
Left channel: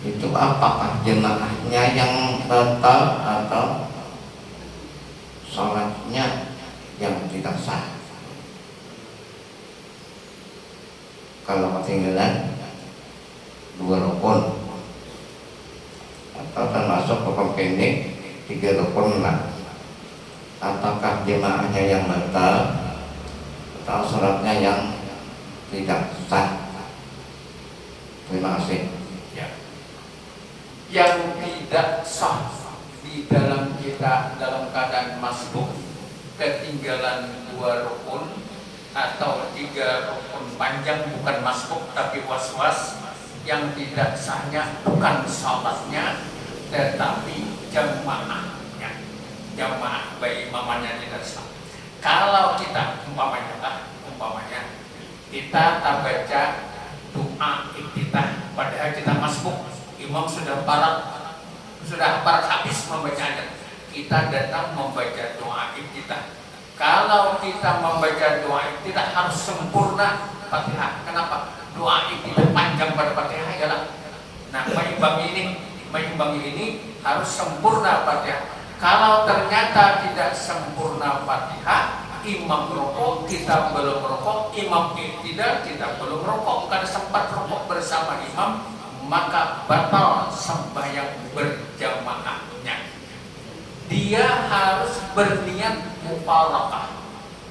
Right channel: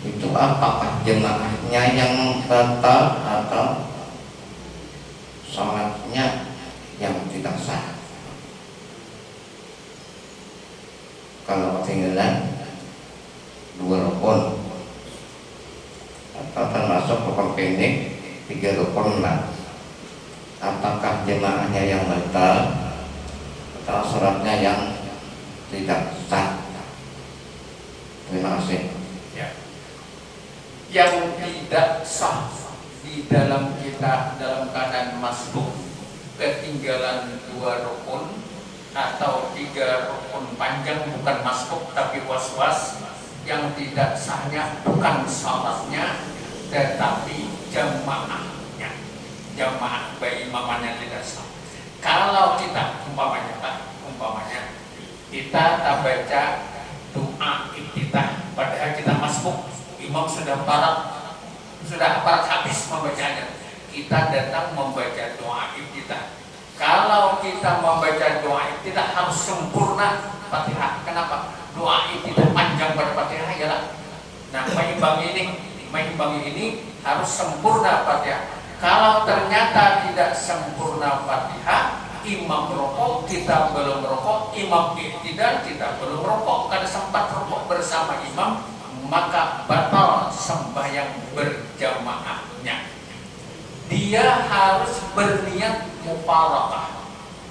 itu apakah jemaahnya yang batal atau sholatnya yang tidak sah? Kalau ketinggalan 2 rukun atau termasuk rukun pendek 3 rukun lah, apakah jemaahnya yang batal atau sholatnya yang tidak sah? Terima kasih. Ya, yang tidak sah di dalam kita dalam keadaan masbuk, ketinggalan 2 rukun atau 3 rukun panjang, bukan masbuk tapi was-was. Yang tidak sahnya bukan salatnya tetapi jamaahnya, jamaah berimamannya tidak sah. Kalau kita umpamanya kita tak baca doa iftitah padahal kita masbuk, imam sudah parat habis membacanya, kita datang membaca doa iftitah. Kalau kita membaca doa iftitah harus sempurna Fatihah. Kenapa? Doa iftitah panjang pada Fatihah ya lah. Nah, mengimbangi ini harus sempurna Fatihah. Kalau ternyata tidak sempurna Fatihah, imam rokok, kita belum rokok, imam iktidal, kita belum rokok, karena sempat rokok bersama imam, maka batal sembahyang berjamaahnya. Dia harus berniat mufarakah.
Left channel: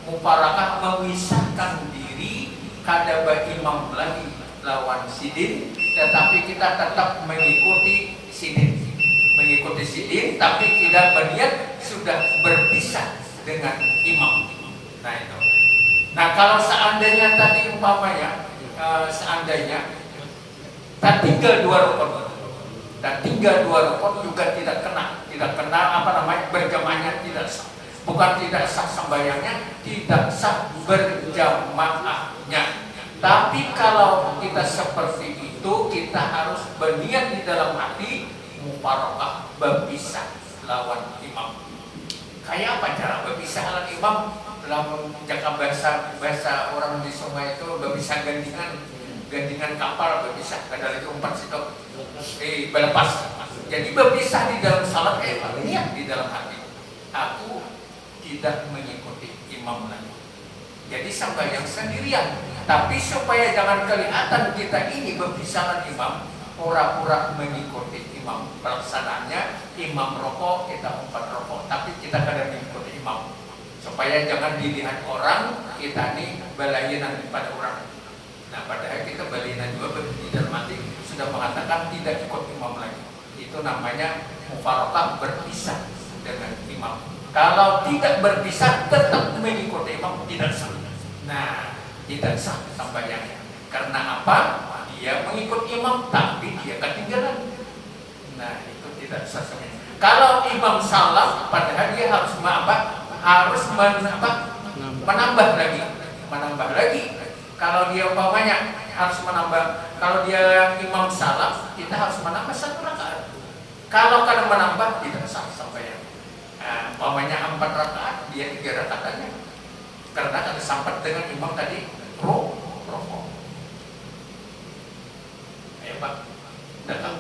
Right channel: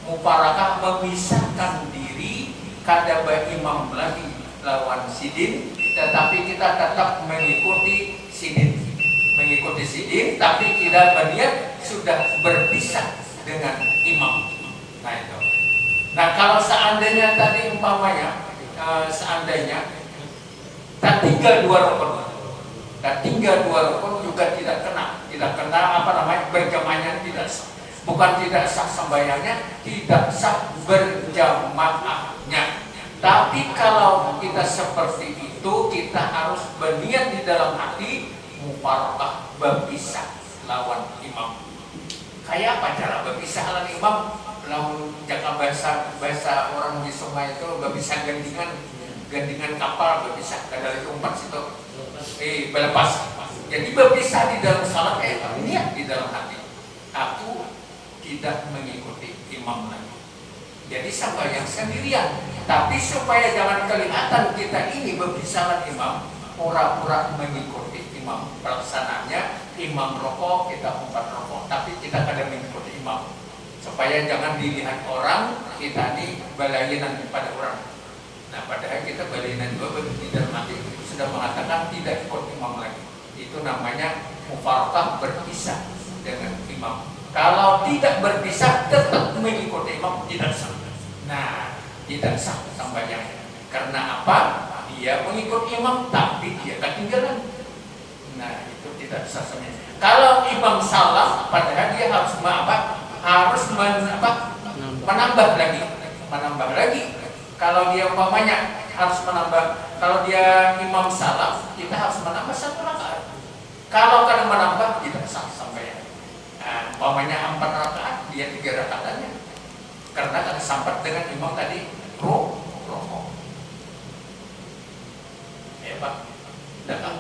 Mufarakah memisahkan diri kadaba imam lagi lawan sidin, tetapi kita tetap mengikuti sidin. Mengikuti sidin, tapi tidak berniat sudah berpisah dengan imam. Nah itu. Nah kalau seandainya tadi umpamanya, seandainya tak tinggal 2 rukun, dan tinggal 2 rukun juga tidak kena berjamaahnya tidak sah. Bukan tidak sah sembahyangnya, tidak sah berjamaahnya. Tapi kalau kita seperti itu, kita harus berniat di dalam hati mufarakah, berpisah lawan imam. Kayak apa cara berpisah lawan imam? Lamun jaka bahasa orang di sungai itu berpisah gandingan kapal, berpisah dari umpat situ berlepas. Jadi berpisah di dalam salat niat di dalam hati, aku tidak mengikuti imam lagi. Jadi sembahyang sendirian. Tapi supaya jangan kelihatan kita ini berpisah dengan imam, pura-pura mengikuti imam. Pelaksananya imam rokok, kita 4 rokok, tapi kita kadang mengikuti imam. Supaya jangan dilihat orang kita ini balainan pada orang. Nah padahal kita balainan juga tidak mati sudah mengatakan tidak ikut imam lagi. Itu namanya mufarakah, berpisah dengan imam. Kalau tidak berpisah tetap mengikuti imam, tidak sah. Nah, tidak sah sembahyangnya. Karena apa? Dia mengikut imam tapi dia ketinggalan. Nah, itu tidak sah sembahyangnya. Kalau imam salah, padahal dia harus menambah lagi. Kalau dia umpamanya harus menambah, kalau dia imam salah, kita harus menambah 1 rakaat. Kalau kadang menambah tidak sah sembahyang. Nah, umpamanya 4 rakaat, dia 3 rakaatannya. Karena ada sampai dengan imam tadi rokok. Ya Pak, datang.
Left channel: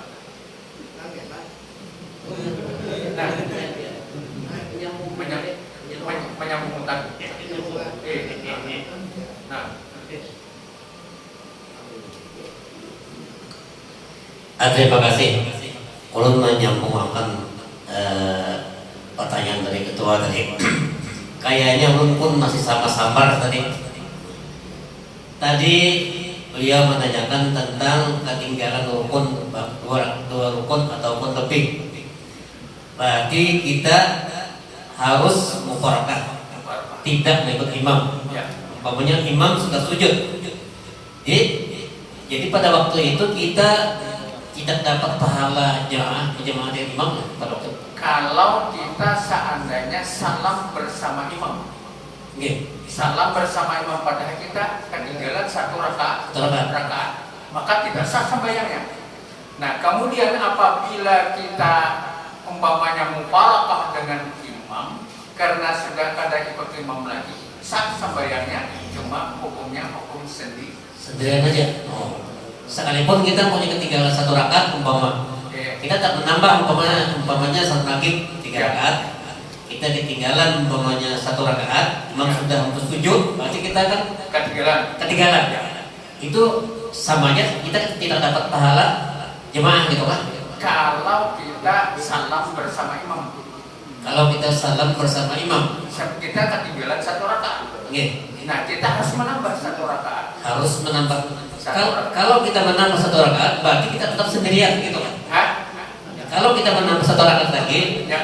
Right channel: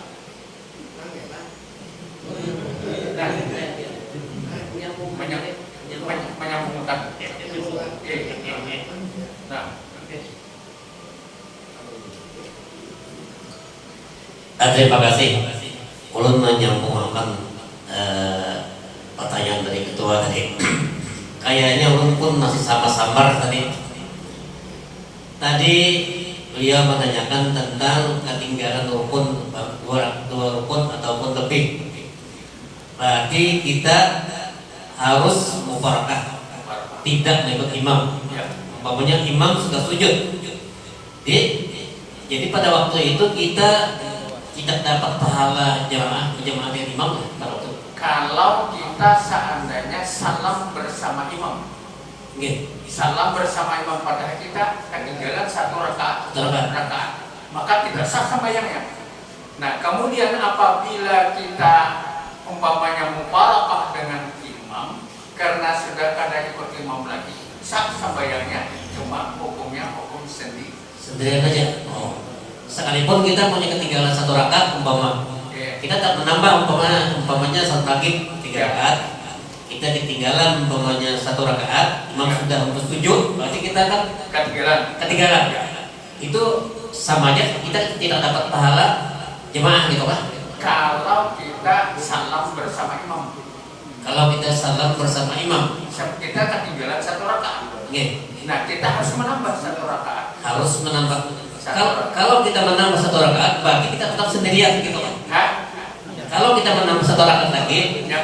Menyambungkan. Terima kasih. Ulun menyambungkan pertanyaan dari ketua tadi. Kayaknya ulun pun masih sama-samar tadi. Tadi beliau menanyakan tentang ketinggalan rukun, 2 rukun ataupun lebih. Berarti kita harus mufarakah, tidak mengikut imam. Umpamanya imam sudah sujud. Jadi pada waktu itu kita tidak dapat pahala jamaah dengan imam pada waktu. Kalau kita seandainya salam bersama imam, salam bersama imam padahal kita ketinggalan 1 rakaat, maka tidak sah sembahyangnya. Nah, kemudian apabila kita umpamanya mufarakah dengan imam karena sudah kada ikut imam lagi, sah sembahyangnya, cuma hukumnya hukum sendirian aja. Sekalipun kita punya ketinggalan 1 rakaat kita tak menambah umpamanya salat maghrib 3 rakaat, kita ketinggalan umpamanya 1 rakaat, imam sudah sujud, berarti kita kan ketinggalan. Itu sama aja, kita tidak dapat pahala jemaah gitu kan? Kalau kita salam bersama imam. Kita ketinggalan 1 rakaat. Nah, kita harus menambah 1 rakaat. Kalau kita menambah 1 rakaat, berarti kita tetap sendirian gitu kan? kalau kita menambah satu rakaat lagi, Ya.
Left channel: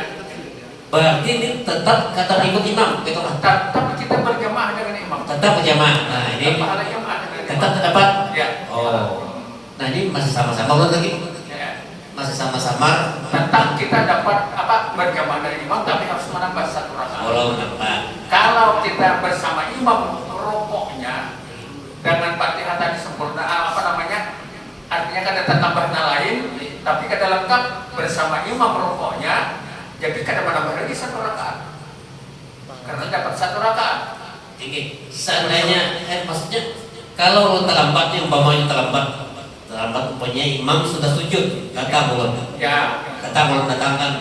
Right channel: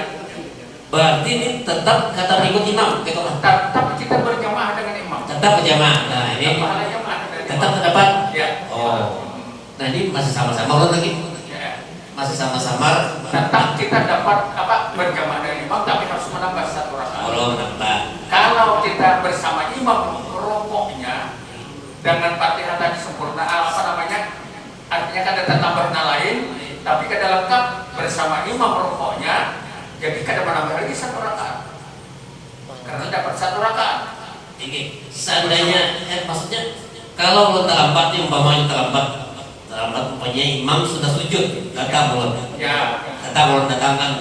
berarti ini tetap kata ikut imam, gitu kan? Tetap kita berjamaah dengan imam. Tetap berjamaah. Nah ini Pahala jamaah dengan imam. tetap terdapat. Ya. Oh, nah ini masih sama-sama ulang lagi, Ya. masih sama-sama. Tetap kita dapat berjamaah dengan imam, tapi harus menambah satu rakaat. Kalau nambah, Kalau kita bersama imam rokoknya dengan Fatihah tadi sempurna, artinya kan ada tambahan lain, tapi kada lengkap bersama imam rokoknya, jadi kada menambah lagi satu rakaat, karena dapat satu rakaat. ini seandainya, maksudnya kalau lo terlambat nih, umpamanya terlambat umpamanya imam sudah sujud, datang belum? Ya, Datang belum datangkan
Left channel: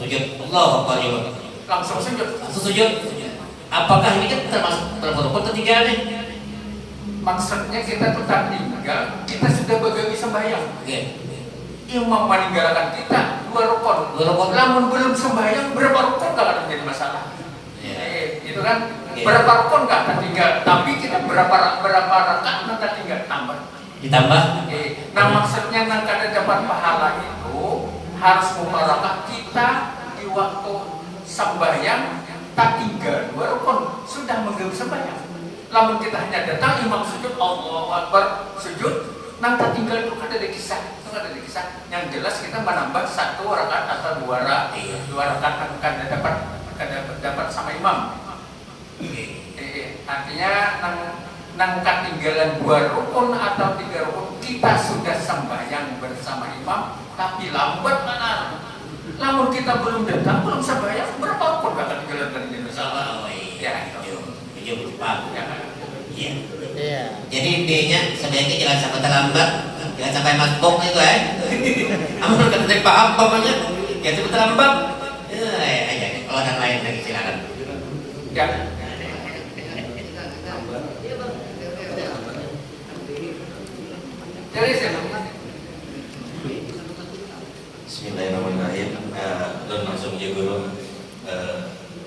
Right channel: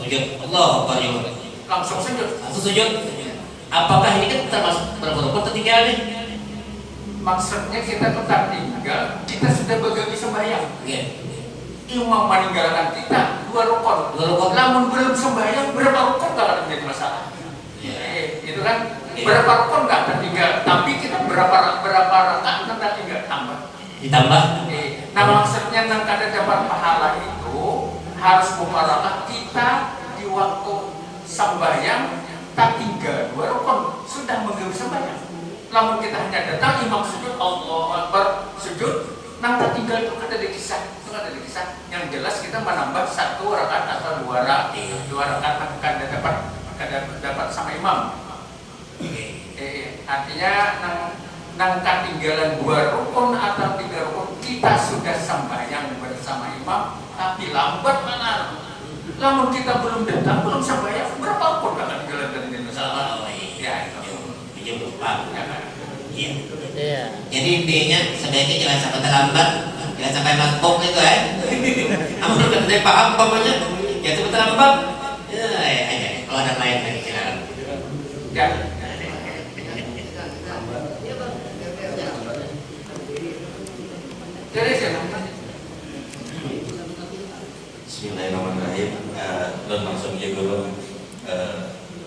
sujud, Allah Akbar juga. langsung sujud. Langsung sujud. Apakah ini kan termasuk rukun ketiga nih? Maksudnya kita tetap tinggal, kita sudah begawi sembahyang. Iya. Imam meninggalkan kita 2 rukun. 2 rukun. Namun belum sembahyang, berapa rukun gak akan menjadi masalah. Iya. Itu kan Iya. berapa rukun gak tertinggal, tapi kita berapa rakaat nanti tinggal tambah. Ditambah. Nah maksudnya nanti ada dapat pahala itu harus mubarakah kita di waktu sembahyang tak tinggal 2 rukun sudah menggawi sembahyang. Namun kita hanya datang imam sujud, Allahu Akbar sujud, nanti tinggal itu ada di kisah, Yang jelas kita menambah 1 rakaat atau 2 rakaat dapat sama imam. Artinya nang ketinggalan 2 rukun atau 3 rukun kita sudah sembahyang bersama imam, tapi lambat mana? Namun kita belum datang, belum sembahyang, berapa rukun gak ketinggalan dari Indonesia? Ya, itu. Iya. Iya. Jadi intinya sebaiknya jangan sampai terlambat, jangan sampai masbuk itu ya. Kamu udah mulai paham pokoknya, jangan sampai terlambat. Ya, kalau ada lain lagi silakan. Ya. Dari sana. Bismillahirrahmanirrahim. Dan langsung juga guru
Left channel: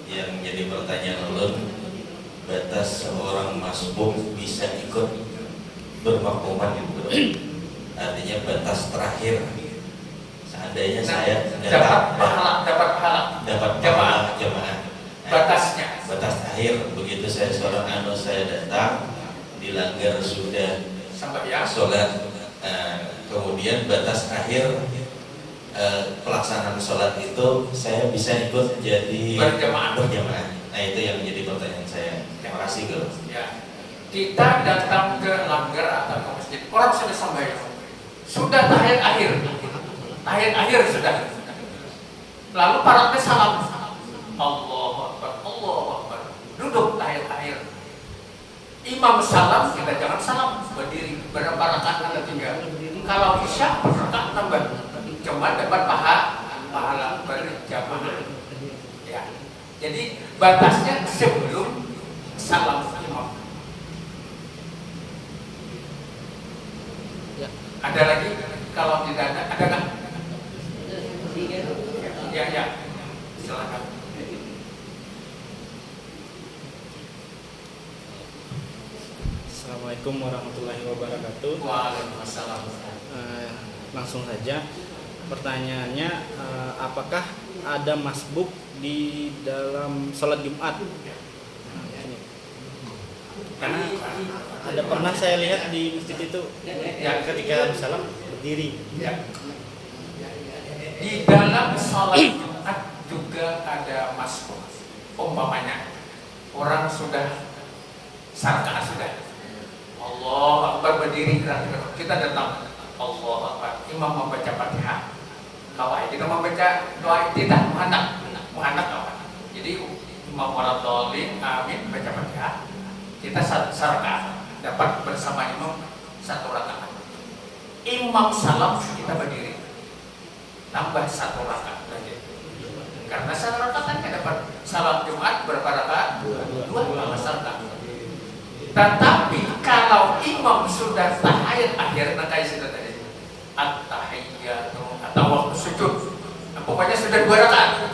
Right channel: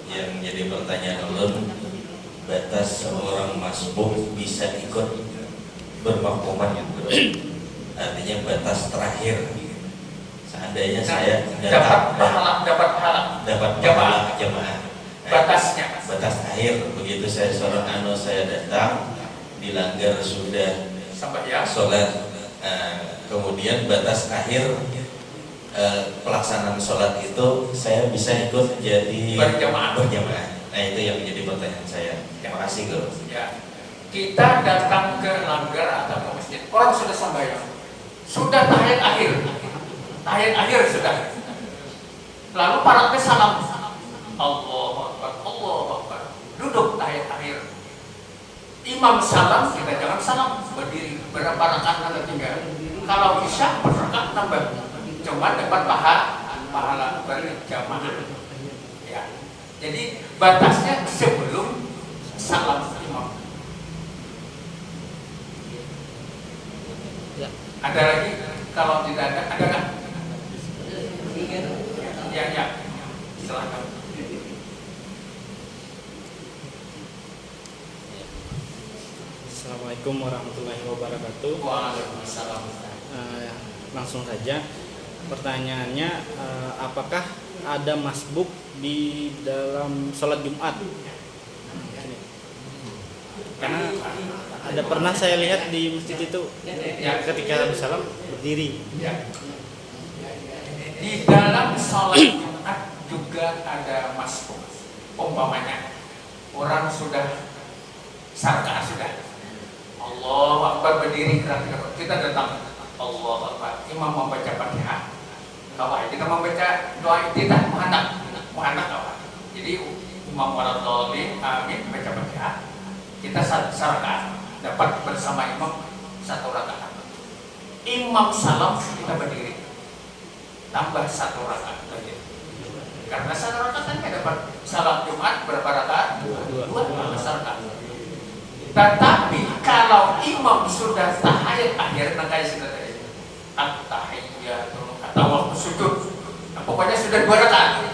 yang jadi pertanyaan ulun, batas seorang masbuk bisa ikut bermakmuman gitu. Artinya batas terakhir. Seandainya saya dapat pahala jamaah. Batasnya. Batas akhir begitu saya seorang saya datang dilanggar sudah Sembahyang. sholat. Kemudian batas akhir pelaksanaan sholat itu saya bisa ikut jadi berjamaah. Nah itu yang menjadi pertanyaan saya. Terima kasih Guru. Ya. Kita datang ke langgar atau ke masjid, orang sudah sembahyang, sudah tahiyat akhir sudah. Lalu para ke salam, Allahu Akbar, duduk tahiyat akhir. Imam salam, kita jangan salam, berdiri, berapa rakaat Anda tinggal. Kalau bisa berrakaat tambah, cuma dapat pahala berjamaah. Ya. Jadi batasnya sebelum salam imam. Ya. Ada lagi? Kalau tidak ada nggak? Ya. Silakan. Assalamualaikum warahmatullahi wabarakatuh. Waalaikumsalam. Langsung saja pertanyaannya, apakah ada masbuk di dalam sholat Jumat? Ini. Karena ada pernah saya lihat di masjid itu ketika Nabi Salam berdiri. Ya. Di dalam sholat Jumat juga ada masbuk. Umpamanya orang sudah sarka sudah, Allahu Akbar berdiri kita datang, Allahu Akbar, imam membaca Fatihah, bahwa kita membaca doa tidak muhanak apa. Jadi imam waladhdallin amin baca Fatihah, kita sarka dapat bersama imam 1 rakaat. Imam salam kita berdiri, tambah 1 rakaat lagi. Karena 1 rakaat kan dapat salat Jumat berapa rakaat? 2 rakaat. Tetapi kalau imam sudah tahiyat akhir, kayak sudah tadi at-tahiyyatu atau waktu sujud, pokoknya sudah 2 rakaat,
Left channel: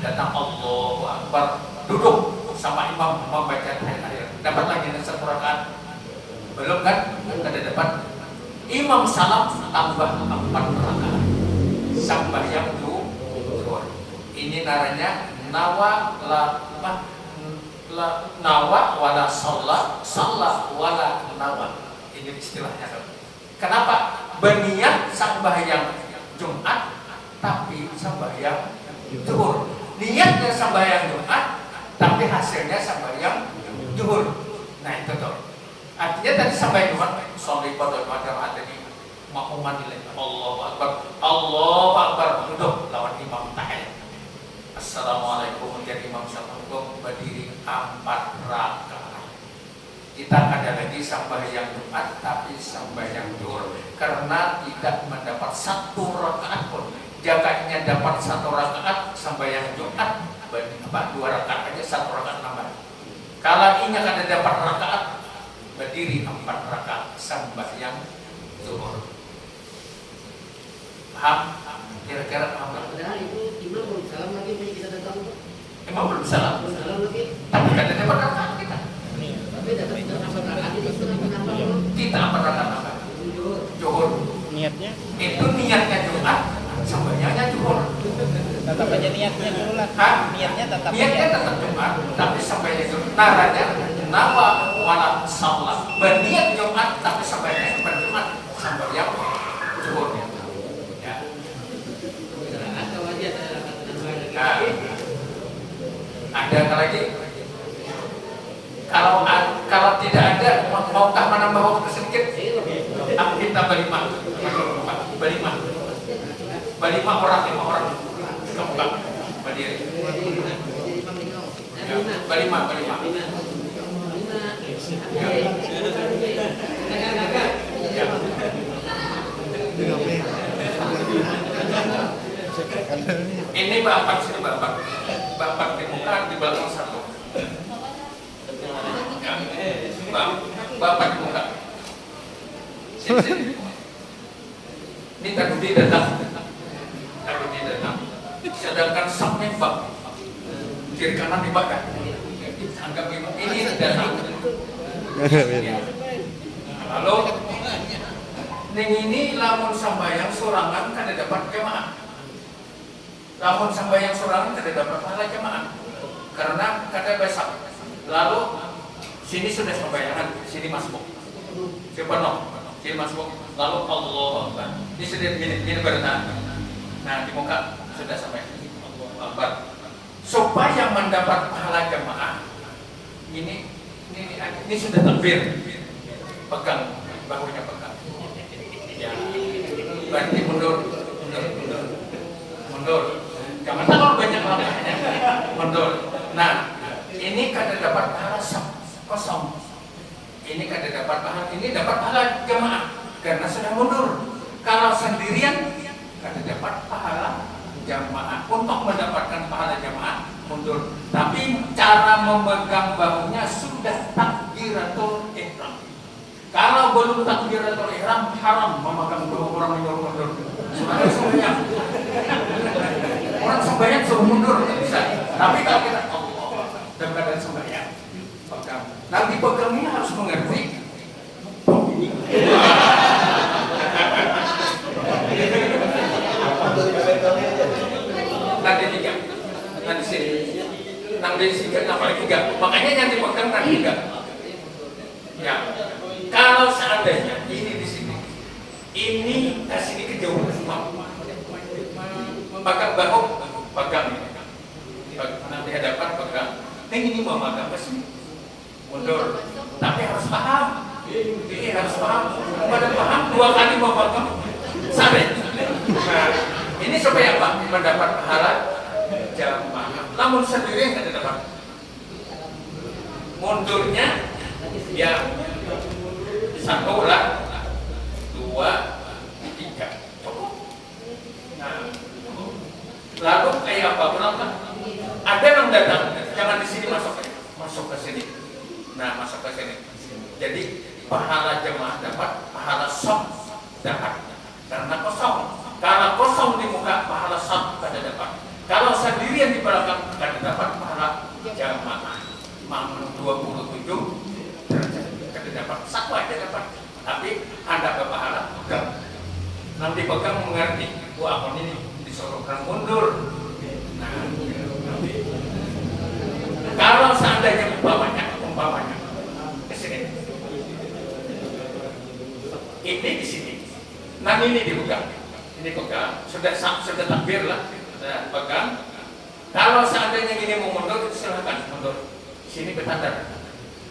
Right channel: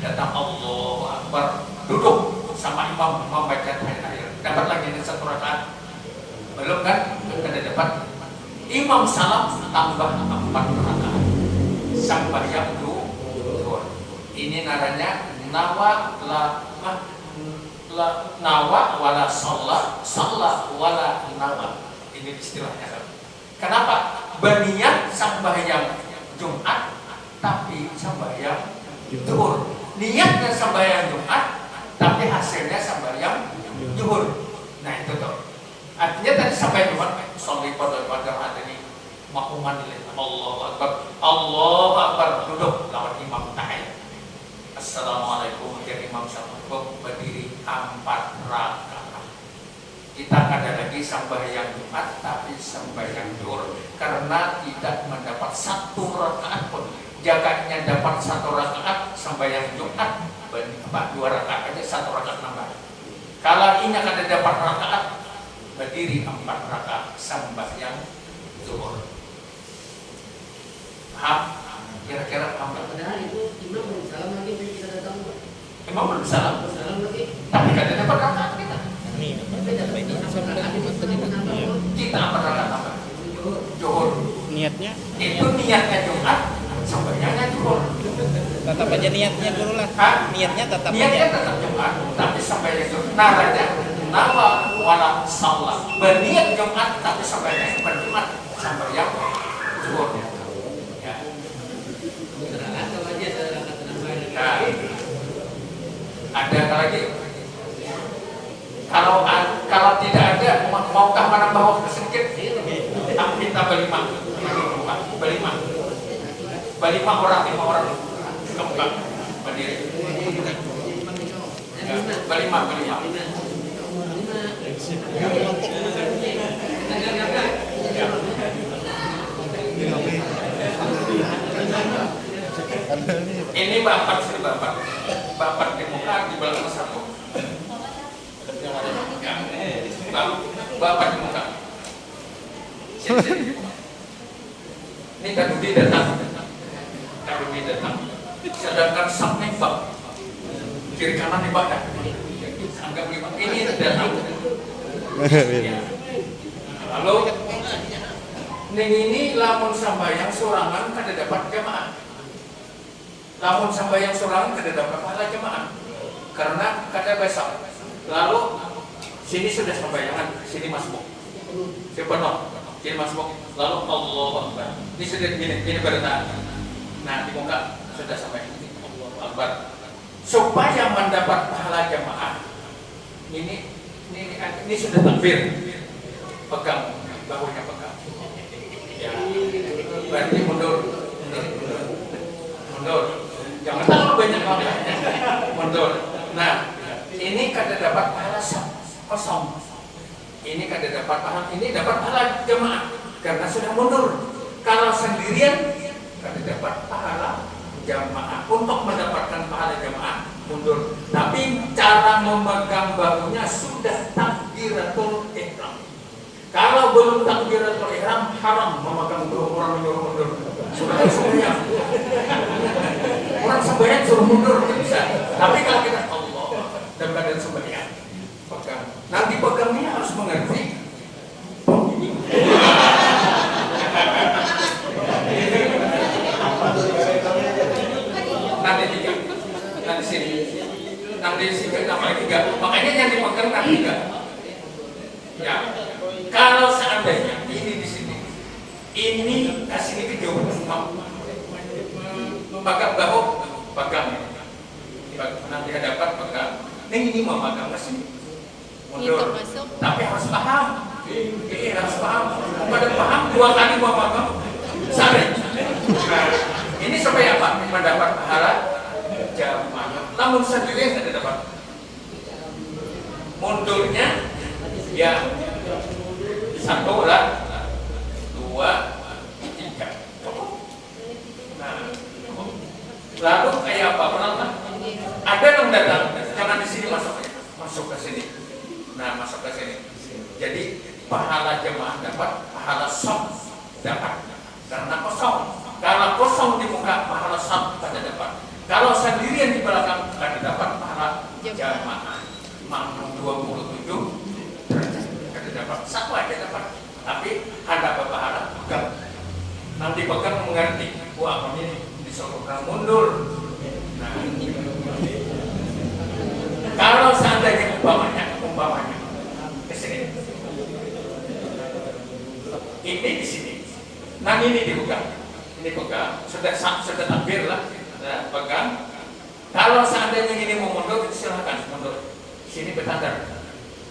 datang Allahu Akbar, duduk sama imam membaca tahiyat akhir, dapat lagi 1 rakaat. Belum kan? Belum ada dapat. Imam salam tambah 4 rakaat. sembahyang zuhur. Ini namanya nawa wala sholat wala nawa. Ini istilahnya. Kenapa? Berniat sembahyang Jumat tapi sembahyang zuhur. Niatnya sembahyang Jumat tapi hasilnya sembahyang zuhur. Nah itu tuh. Artinya tadi sampai Jumat sholat pada jamaah ini makmuman Allahu Akbar duduk lawan imam tahiyat. Assalamualaikum menjadi imam syafa'ih berdiri 4 rakaat. Kita ada lagi sembahyang Jumat tapi sembahyang zuhur karena tidak mendapat 1 rakaat pun. Jaganya dapat 1 rakaat sembahyang Jumat, 2 rakaat aja 1 rakaat nambah. Kalau ini akan dapat rakaat berdiri 4 rakaat sembahyang zuhur. Paham? Kira-kira paham nggak? Padahal itu imam belum salam lagi kita datang. Imam belum salam. Salam lagi. Tapi katanya berangkat kita. Tapi tetap kita rakaat ini seperti menambah. Kita berangkat apa? Zuhur. Niatnya Itu niatnya Jumat, sembahyangnya zuhur. tetap aja niatnya dulu lah. Hah? Niatnya tetap Niatnya aja. tetap Jumat, tapi sambayang zuhur. Naranya nawa wala sholat. Berniat Jumat tapi sambayang berjumat sambayang zuhur. Ya. Nah, ada apa lagi? Kalau tidak ada, maukah menambah waktu sedikit? Kita berlima orang, 5 orang. Kemuka, berdiri. Ya, berlima. Ya. Ini bapak sini bapak di muka di belakang satu. Ya. Bapak di muka. Ini Kak Budi datang. Sedangkan sampai bang kiri kanan dibakar. Anggap ini datang. Ya. Lalu ini lamun sambayang sorangan kada dapat jamaah. Lamun sambayang sorangan kada dapat pahala jamaah. Karena kada besok. Lalu sini sudah sambayangan, sini masuk. Siapa no? Sini masuk. Lalu Allahu Akbar. Ini sudah ini bertahan. Nah di muka sudah sampai Allahu Akbar. Supaya mendapat pahala jamaah. Ini sudah takbir. Pegang bahunya pegang. Ya, berarti mundur. Jangan terlalu banyak langkahnya. Mundur. Nah, ini kada dapat pahala kosong. Ini kada dapat pahala. Ini dapat pahala jamaah karena sudah mundur. Kalau sendirian kada dapat pahala jamaah. Untuk mendapatkan pahala jamaah mundur. Tapi cara memegang bahunya sudah takbiratul ihram. Kalau belum takbiratul ihram haram memegang bahu orang mundur. Sebenarnya sembahyang. Orang sembahyang suruh mundur tidak bisa. Tapi kalau kita Allah dan badan sembahyang pegang. Nanti pegangnya harus mengerti. Ini. Nanti 3. Nanti sini. Nanti sini tambah 3. Makanya yang dipegang nanti 3. Ya. Kalau seandainya ini di sini, ini ke sini kejauhan memegang bahu, pegang nanti hadapan pegang. Ini mau pegang ke sini, mundur. Tapi harus paham, harus paham. Pada paham 2 kali mau pegang, sampai. Nah, ini supaya apa? Mendapat pahala jamaah. Namun sendiri tidak dapat. Mundurnya, ya. 1, 2, 3. Nah, lalu kayak apa? Pernah? Ada yang datang, jangan di sini masuk ke sini. Nah, masuk ke sini. Jadi pahala jemaah dapat, pahala sok dapat. Karena kosong. Kalau kosong di muka, pahala sok pada dapat. Kalau sendirian di belakang, pada dapat pahala jemaah. Mampu 27 derajat. Dapat 1 aja dapat, tapi ada pahala pegang. Nanti pegang mengerti, wah ini disodorkan mundur. Nah, kalau seandainya umpamanya ke sini, ini di sini, nah ini dibuka, sudah takbir lah, pegang. Kalau seandainya ini mau mundur, silakan mundur. Sini bertanda,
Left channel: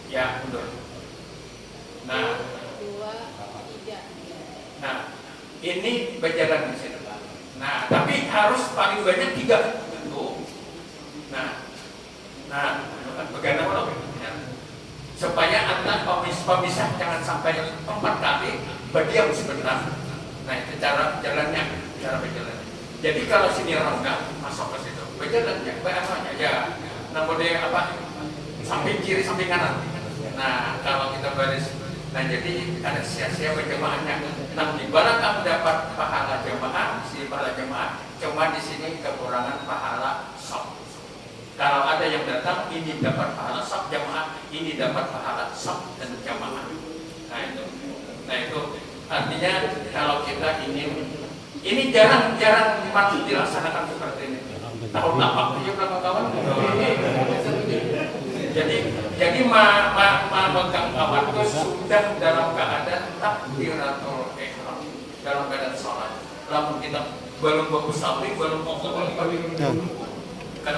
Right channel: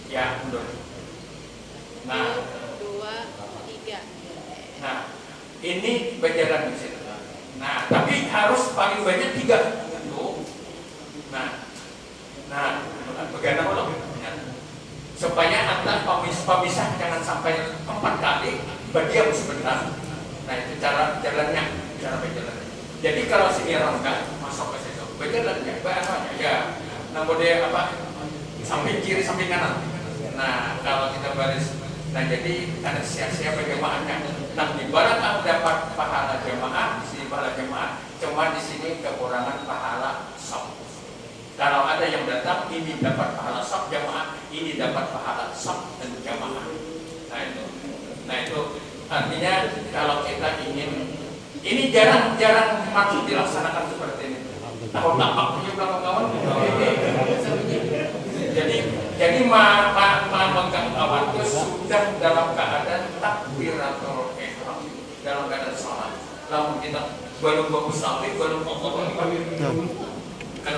ya mundur. Nah, 2, 3. nah ini berjalan di sini. Nah, tapi harus paling banyak 3 tentu. Nah, bagaimana kalau supaya antar pemisah jangan sampai 4 kali berdiam sebentar. Nah, itu cara berjalannya. Jadi kalau sini rongga masuk ke situ, berjalannya, ya, namanya apa? Samping kiri, samping kanan. Nah, kalau kita baris, nah jadi ada sia-sia berjamaahnya. Nah, di mana kamu dapat pahala jamaah, di sini pahala jamaah, cuma di sini kekurangan pahala shaf. Kalau ada yang datang, ini dapat pahala shaf jamaah, ini dapat pahala shaf dan jamaah. Nah itu artinya kalau kita ingin, ini jarang maksud dilaksanakan seperti ini. Tahun tapak aja kawan-kawan. Jadi memegang kawan itu sudah dalam keadaan takbiratul ihram, dalam keadaan sholat. Lalu kita belum bagus sampai, belum mau kalau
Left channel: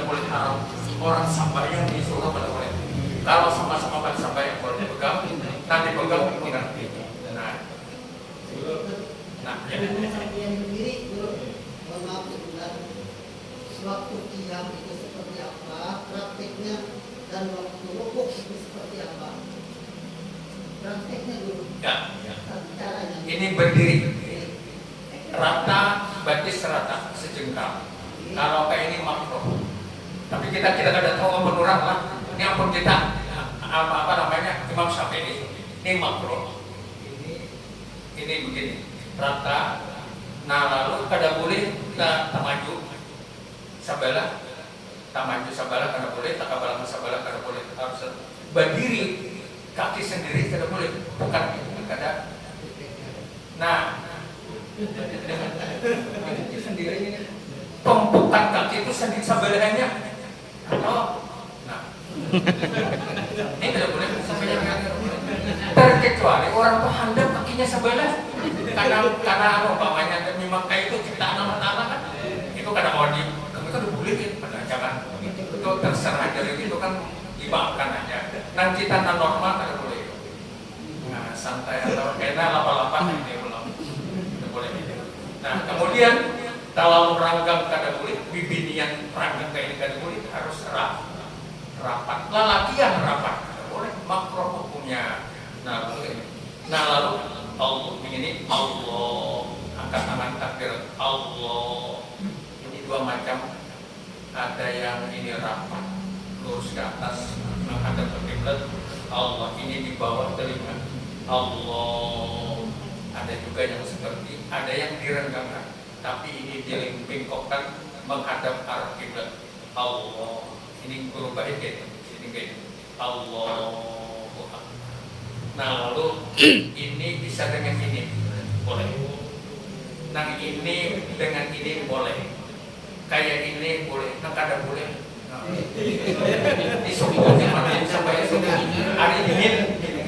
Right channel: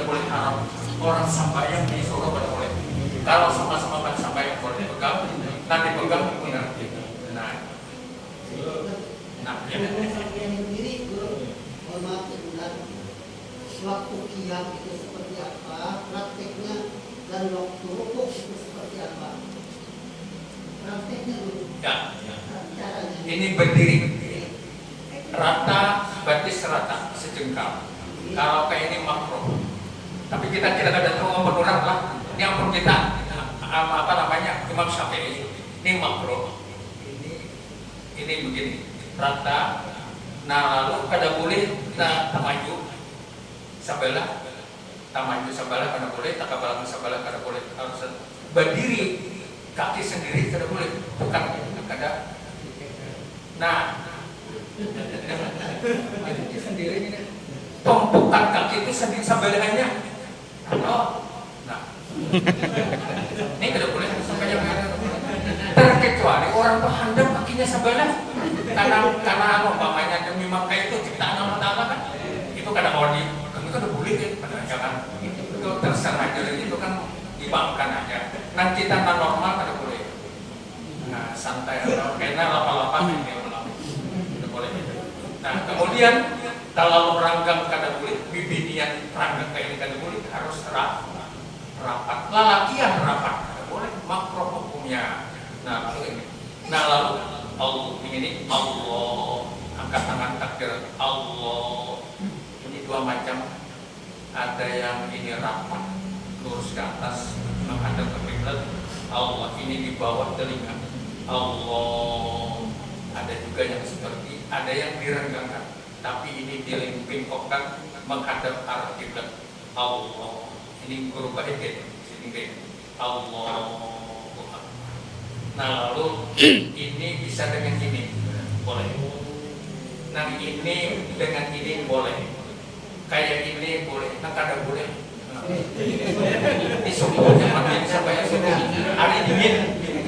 boleh haram. Orang sambayang di surga tidak boleh. Kalau sama-sama kan sambayang boleh pegang, nanti pegang. Nah, ya. Waktu qiyam itu seperti apa, prakteknya, dan waktu rukuk itu seperti apa. Prakteknya dulu. Ya. Caranya. Ini berdiri rata, batis rata, sejengkal. Kalau kayak ini makruh. Tapi kita tidak ada terlalu berkurang lah. Ini ampun kita apa namanya Imam Syafi'i. Ini makruh. Ini begini rata. Nah lalu kada boleh kita maju sabalah, tamaju sabalah kada boleh, takabalang sabalah kada boleh. Harus berdiri kaki sendiri kada boleh, bukan kada. Nah, kaki sendiri ini, tumpukan kaki itu sendiri sebelahnya. Nah, ini kada boleh sampai yang terkecuali orang tuh handap kakinya sebelah, karena umpamanya memang kayak itu ciptaan Allah Taala kan, itu kada odi, kamu itu udah boleh pada jangan, itu terserah dari itu kan dimaafkan aja. Nah kita normal kada boleh, nah santai atau kayaknya lapa-lapa kayak itu boleh. Nah kemudian kalau ranggang kada boleh, bibinian ranggang kayak ini kada boleh, harus rapat, lalakian rapat, kada boleh, makruh hukumnya. Nah lalu Allah ini Allah angkat tangan takbir Allah. Ini dua macam, ada yang ini rapat lurus ke atas menghadap ke kiblat Allah, ini di bawah telinga Allah. Ada juga yang seperti, ada yang direnggangkan tapi ini dilingkupkan menghadap arah kiblat Allah. Ini berubah itu sini kayak Allah. Nah lalu ini bisa dengan ini boleh. Nah ini dengan ini boleh. Kayak ini boleh. Nah kada boleh. Ini semuanya makin sampai hari ini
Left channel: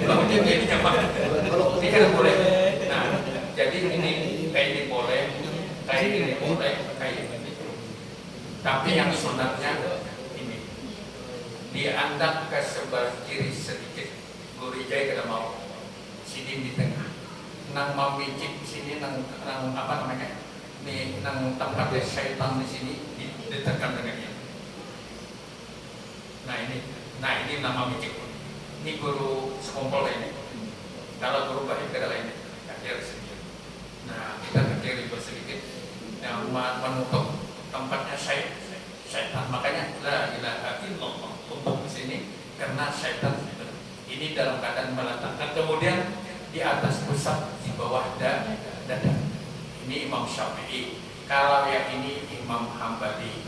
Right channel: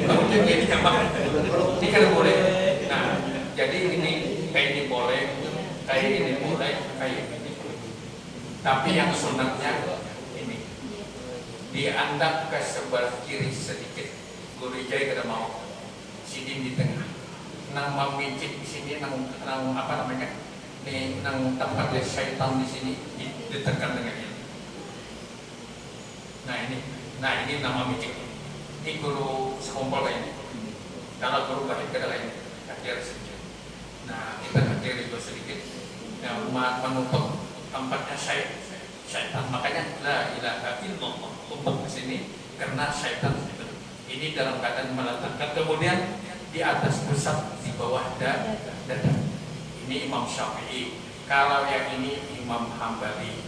bangunnya ini nyaman. Ini kada boleh. Nah jadi ini kayak ini boleh, kayak ini boleh, kayak ini. Tapi yang sunatnya ini diangkat ke sebelah kiri sedikit. Guru jaya kada mau sini di tengah, nang memijit di sini, nang apa namanya, nih nang tempat yang syaitan di sini ditekan dengan ini. Nah ini nang memijit. Ini guru sekumpul kayak ini. Kalau guru baik kada kayak ini, kacir sedikit. Nah kita kacir itu sedikit, yang menutup tempatnya syaitan. Makanya la ilaha illallah tumpuk di sini karena syaitan. Ini dalam keadaan meletakkan, kemudian di atas pusat, di bawah dada. Ini Imam Syafi'i. Kalau yang ini Imam Hambali.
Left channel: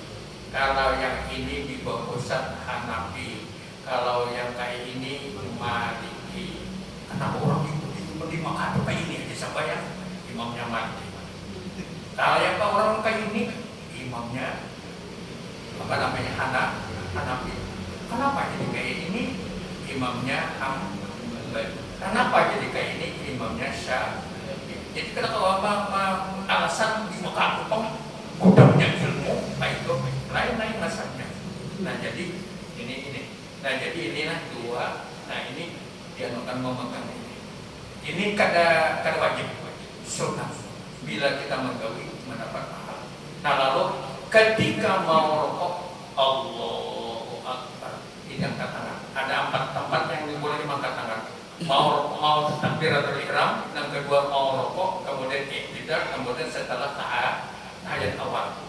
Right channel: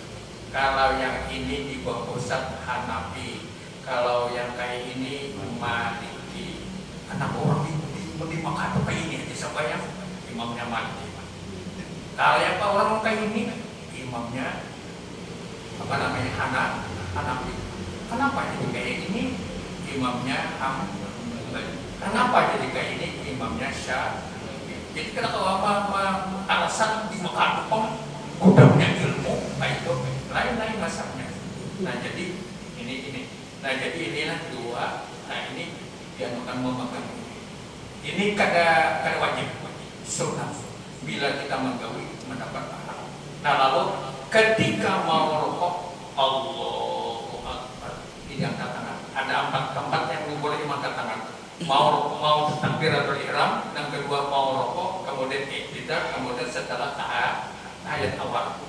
Kalau yang ini di bawah pusat Hanafi. Kalau yang kayak ini Maliki. Kenapa orang di Mekah kayak ini aja sampai yang imamnya Maliki. Kalau yang orang kayak ini imamnya apa namanya Hanafi. Kenapa jadi kayak ini imamnya kenapa jadi kayak ini imamnya Syafi'i? Jadi kenapa alasan di Mekah gudangnya ilmu baik lain-lain masalahnya. Nah jadi ini. Nah jadi inilah dua. Nah ini dia akan memegang ini. Ini kada wajib sunnah. Bila kita menggawi mendapat pahala. Nah lalu ketika mau rokok Allahu Akbar diangkat tangan. Ada 4 tempat yang boleh diangkat tangan. Mau takbiratul ihram, yang kedua mau rokok, kemudian iktidar, kemudian setelah ayat awal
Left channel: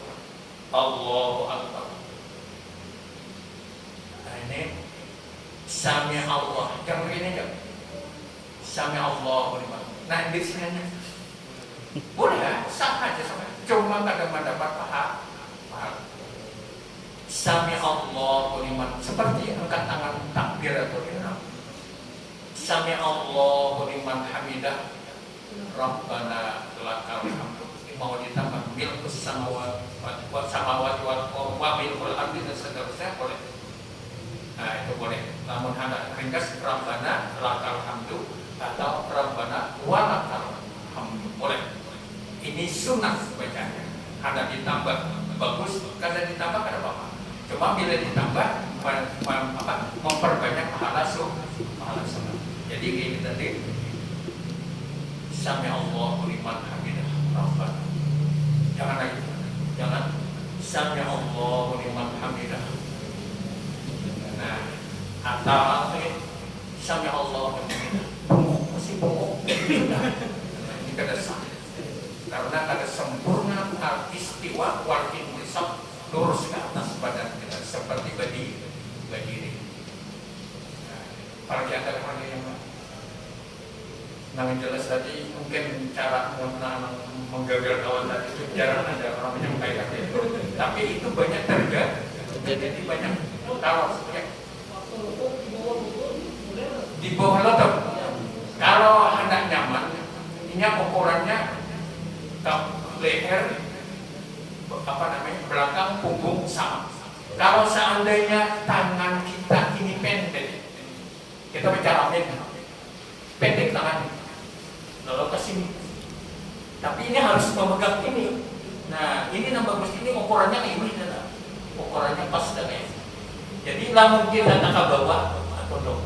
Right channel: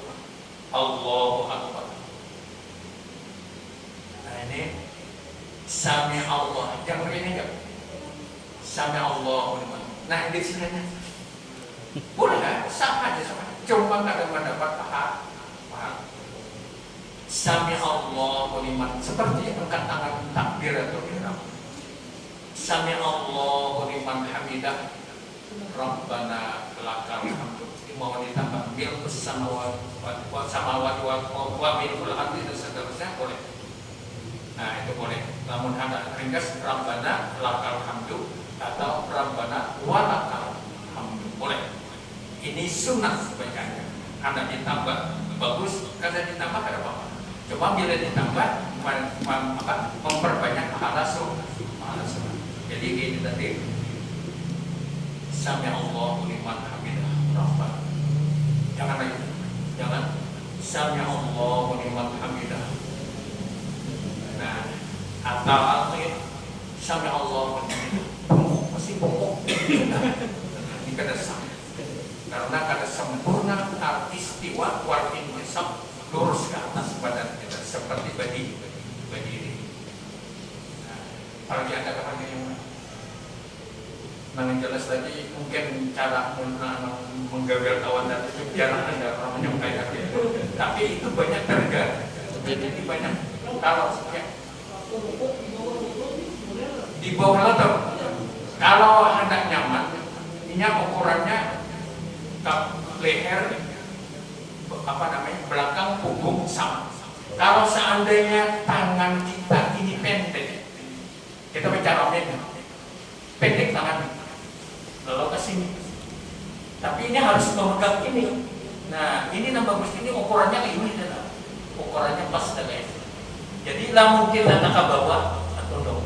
Allahu Akbar. Nah ini Sami Allah, yang begini enggak? Sami Allahu liman. Nah di sini boleh, sama aja sama. Cuma kada mendapat pahala. Sami Allahu liman, seperti angkat tangan takbiratul ihram. Sami Allahu liman hamidah. Rabbana lakal hamd. Mau ditambah milkus samawati wa milkul ardi dan seterusnya boleh. Nah itu boleh. Namun ada ringkas Rabbana lakal hamdu atau Rabbana walakal hamdu boleh. Ini sunnah bacanya. Ada ditambah bagus, kada ditambah kada apa-apa. Cuma bila ditambah memperbanyak pahala sunnah. Jadi ini tadi Sami Allahu liman hamidah Rabbana. Jangan lagi, jangan Sami Allahu liman hamidah. Nah, atau Sami Allahu liman masih pokok. Ini kada sah. Karena kada sempurna istiwa wal intisab lurus ke atas badan kita seperti berdiri. Kalau dia ada orang yang jelas tadi mungkin cara menggawil kawan tadi itu jarang ada orang menyampaikan itu. Tapi itu banyak terjadi banyak taruh ya. Di bawah lutut. Kalau hendak nyaman, ini ukurannya leher belakang punggung sama. Kalau seandainya tangan kita ini pendek, kita bicara pendek tangan lalu ke sini. Tapi ini harus memegang ini. Nah, ini yang bagus ini ukurannya ini adalah ukurannya pas guys. Jadi lamun kita tak ke bawah atau no.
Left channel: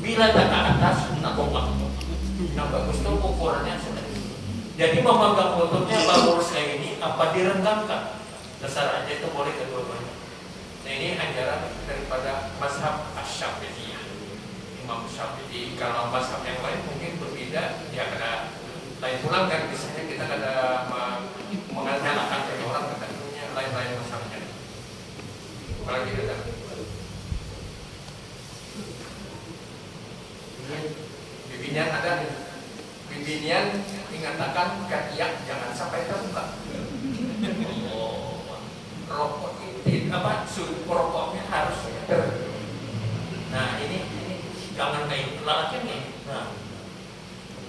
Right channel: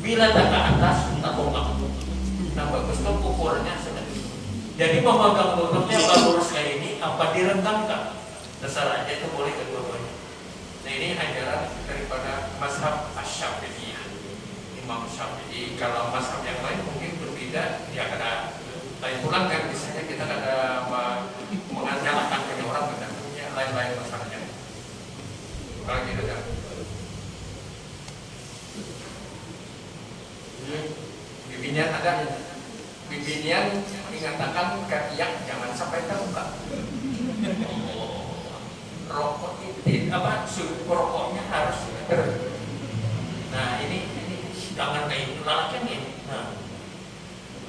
Bila tak ke atas kita bongkar. Nah, bagus itu ukurannya sedang. Jadi memegang lututnya baru lurus kayak ini apa direnggamkan. Dasar aja itu boleh kedua-duanya. Nah, ini ajaran daripada mazhab Asy-Syafi'i. Imam Syafi'i. Kalau mazhab yang lain mungkin berbeda, ya ada lain pulang kan misalnya kita ada mengandalkan dari orang tertentunya lain-lain mazhabnya. Kalau gitu kan. Bimbingan ada, bimbingan dikatakan katiak jangan sampai terbuka. Rokok itu suhu rokoknya harus nah ini jangan kayak ini lalakan ini. Nah,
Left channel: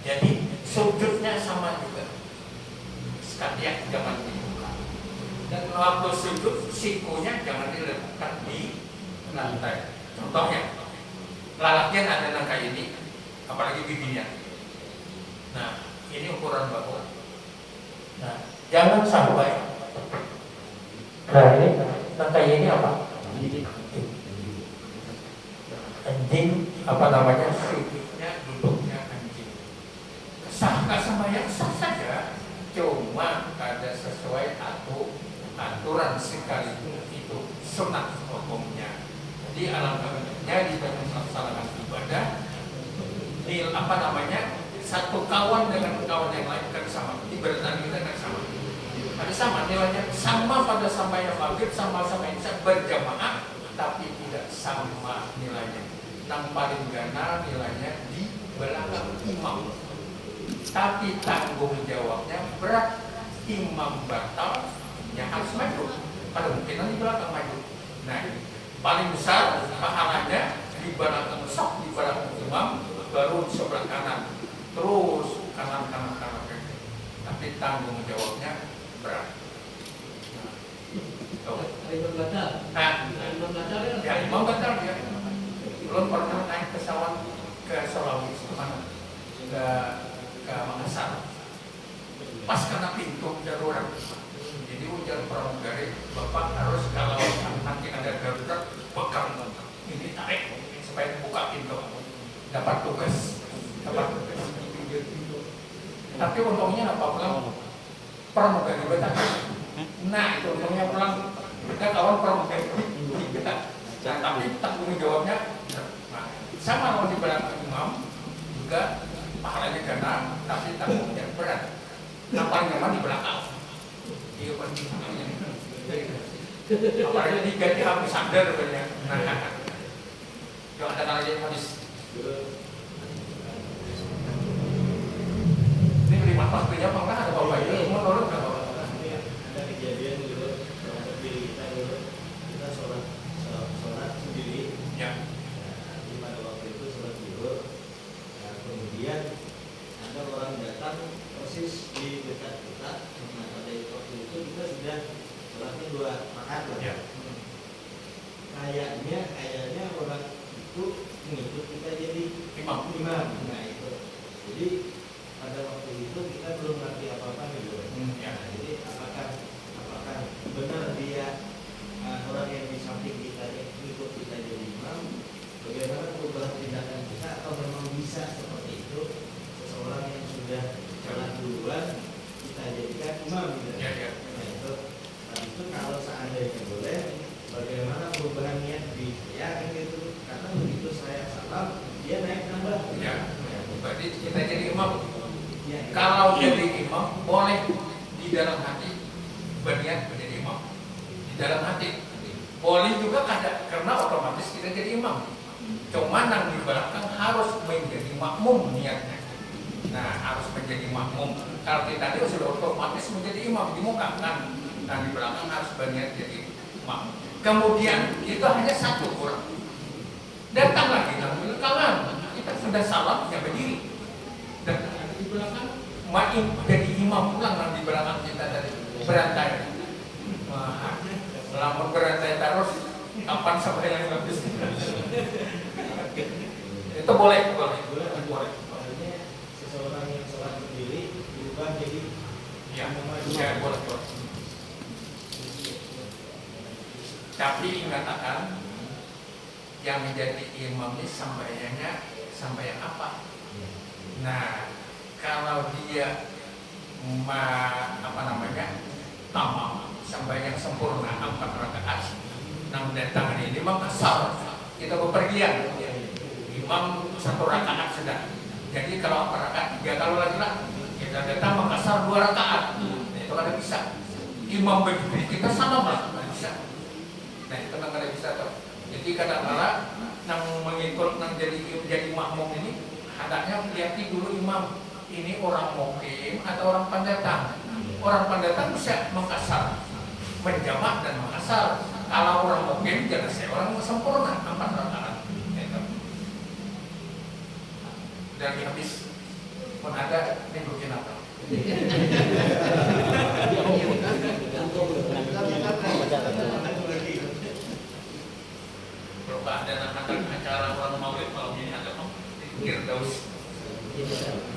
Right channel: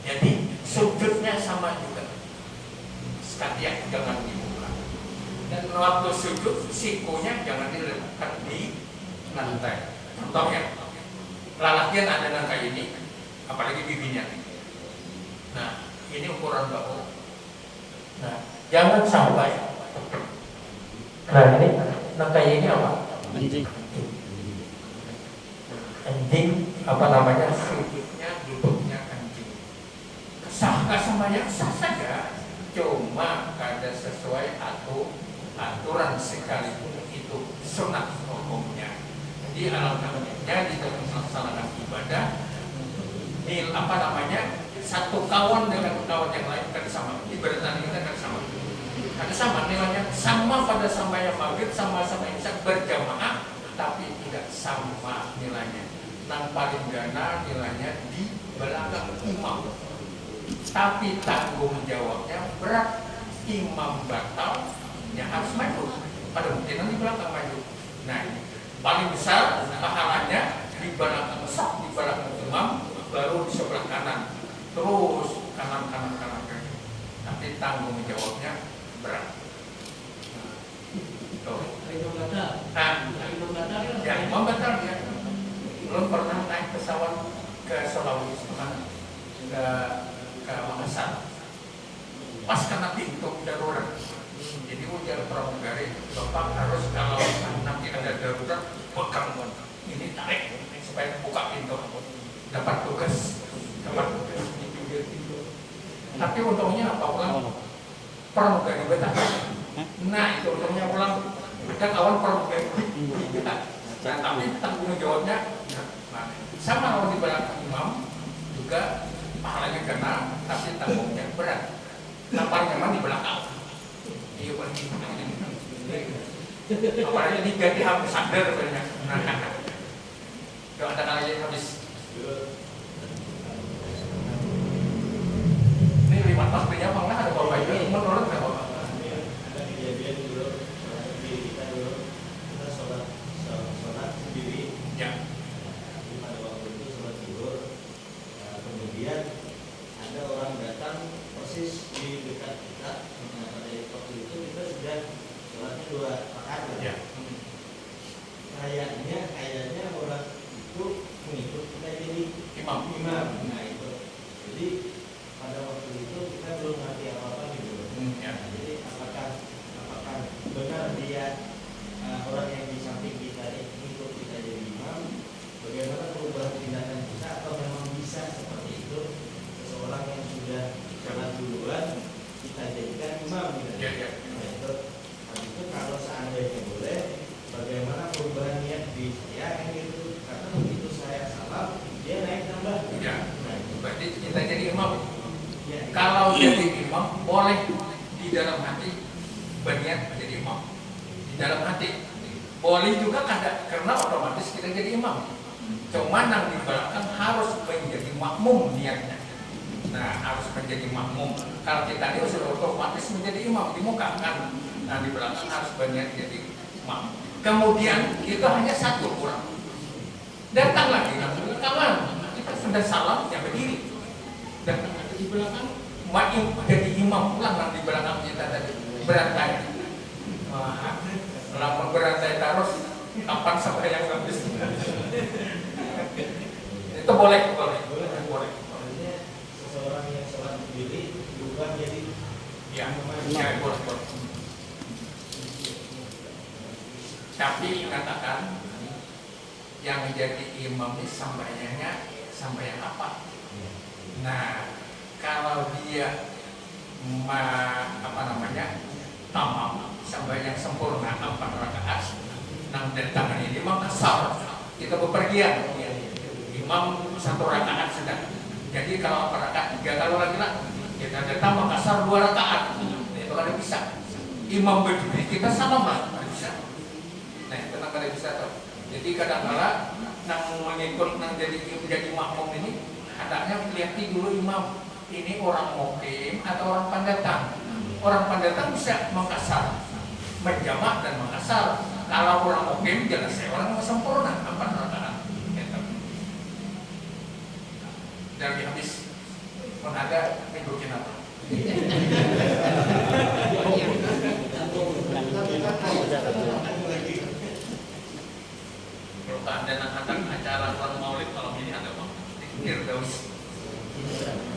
jadi sujudnya sama juga. Katiak jangan dibuka. Dan waktu sujud sikunya jangan diletakkan di lantai. Contohnya lalaknya ada yang kayak ini, apalagi bibinya. Nah, ini ukuran bawah. Nah, jangan sampai. Nah, ini kayak ini apa? Anjing apa namanya? Sujudnya duduknya anjing. Sah nggak semuanya sah saja. Cuma ada sesuai aturan sekalipun itu sunat hukumnya. Jadi alhamdulillahnya di dalam melaksanakan ibadah ini apa namanya satu kawan dengan kawan yang lain kan sama ibadah kita kan sama ada sama nilainya sama pada sama yang maghrib sama-sama isya berjamaah tapi tidak sama nilainya yang paling gana nilainya di belakang imam tapi tanggung jawabnya berat imam batal ya harus maju ada mungkin di belakang maju nah paling besar pahalanya di belakang saf di belakang imam baru di sebelah kanan terus kanan tapi tanggung jawabnya berat. Nah, ya imam batal dia. Belum pernah naik pesawat ke Sulawesi kemana? Ke Makassar. Pas kena pintu darurat. Jadi ujar pramugari, Bapak harus kalau nanti ada darurat, pegang ini tarik supaya buka pintu. Dapat tugas di pintu. Tapi untungnya apa? Pramugari betah. Nah itu untungnya pulang. Kita kawan pramugari kita. Nah, tapi tanggung jawabnya sama kalau di belakang imam juga pahalanya kena, tapi tanggungnya berat. Yang nyaman di belakang. Iya paling namanya. Apalagi diganti habis sadar katanya. Jangan ada kali habis. Ini 5 pas punya apa enggak ada bawa itu menurut enggak bawa. Ada kejadian dulu kita sholat sendiri. Ya. Pada waktu itu sholat tidur. Kemudian ada orang datang persis di dekat kita. Nah, pada waktu itu kita sudah sholatnya 2 rakaat. Ya. Kayaknya orang itu mengikut kita jadi Imam. Nah itu. Jadi pada waktu itu kita belum ngerti apa-apa gitu. Ya. Jadi apakah benar dia orang yang di samping kita ikut kita jadi imam? Bagaimana perubahan tindakan kita? Atau memang bisa seperti itu? Seseorang yang sudah jalan duluan kita jadikan imam gitu. Ya, ya. Nah itu kalau seandainya boleh, bagaimana perubahan niat di saya kan gitu? Karena begitu saya salam, dia naik nambah. Ya. Berarti kita jadi imam. Ya, Kalau jadi imam boleh di dalam hati berniat menjadi imam. Di dalam hati boleh juga karena otomatis kita jadi imam. Cuma yang di belakang harus menjadi makmum niatnya. Nah harus menjadi makmum. Kalau kita dia sudah otomatis menjadi imam di muka kan. Nah di belakang harus berniat jadi makmum. Kemudian kita hanya satu orang. Datang lagi yang di belakang. Kita sudah salam ya berdiri. Datang lagi di belakang. Makin jadi imam pulang yang di belakang kita tadi berantai. Wah, lama berantai terus. Kapan sampai yang habis? Itu boleh. Artinya seseorang yang sholat sendiri berubah jadi Ya, imam. ya boleh. Tapi katakan yang menjadi imam ini sambayang apa? Nah, kalau dia tamam sambayang sempurna 4 rakaat, 6 dan tangan ini imam kasar, kita bepergian. Imam 1 rakaat sudah. Jadi kalau 4 rakaat 3 kali lagi lah, kita datang kasar 2 rakaat. Itu kan bisa. Imam berdiri kita salam lah, bisa. Nah itu kan kada bisa tuh. Jadi kadang-kadang yang mengikut yang jadi makmum ini, kadangnya lihat dulu imam ini orang mukim atau orang pendatang. Orang pendatang bisa mengkasar, berjamaah dan mengkasar. Kalau orang mukim jelas saya orang sempurna 4 rakaat. Dari habis pun ada nunjukin apa? Kalau ada acara maulid malam ini ada apa? Dikir terus.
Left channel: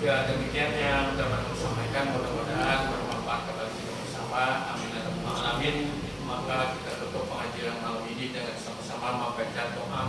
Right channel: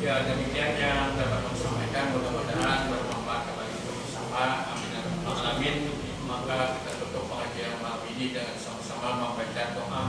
Ya demikian yang dapat kami sampaikan, mudah-mudahan bermanfaat bagi kita bersama. Amin ya rabbal alamin. Maka kita tutup pengajian malam ini dengan sama-sama membaca doa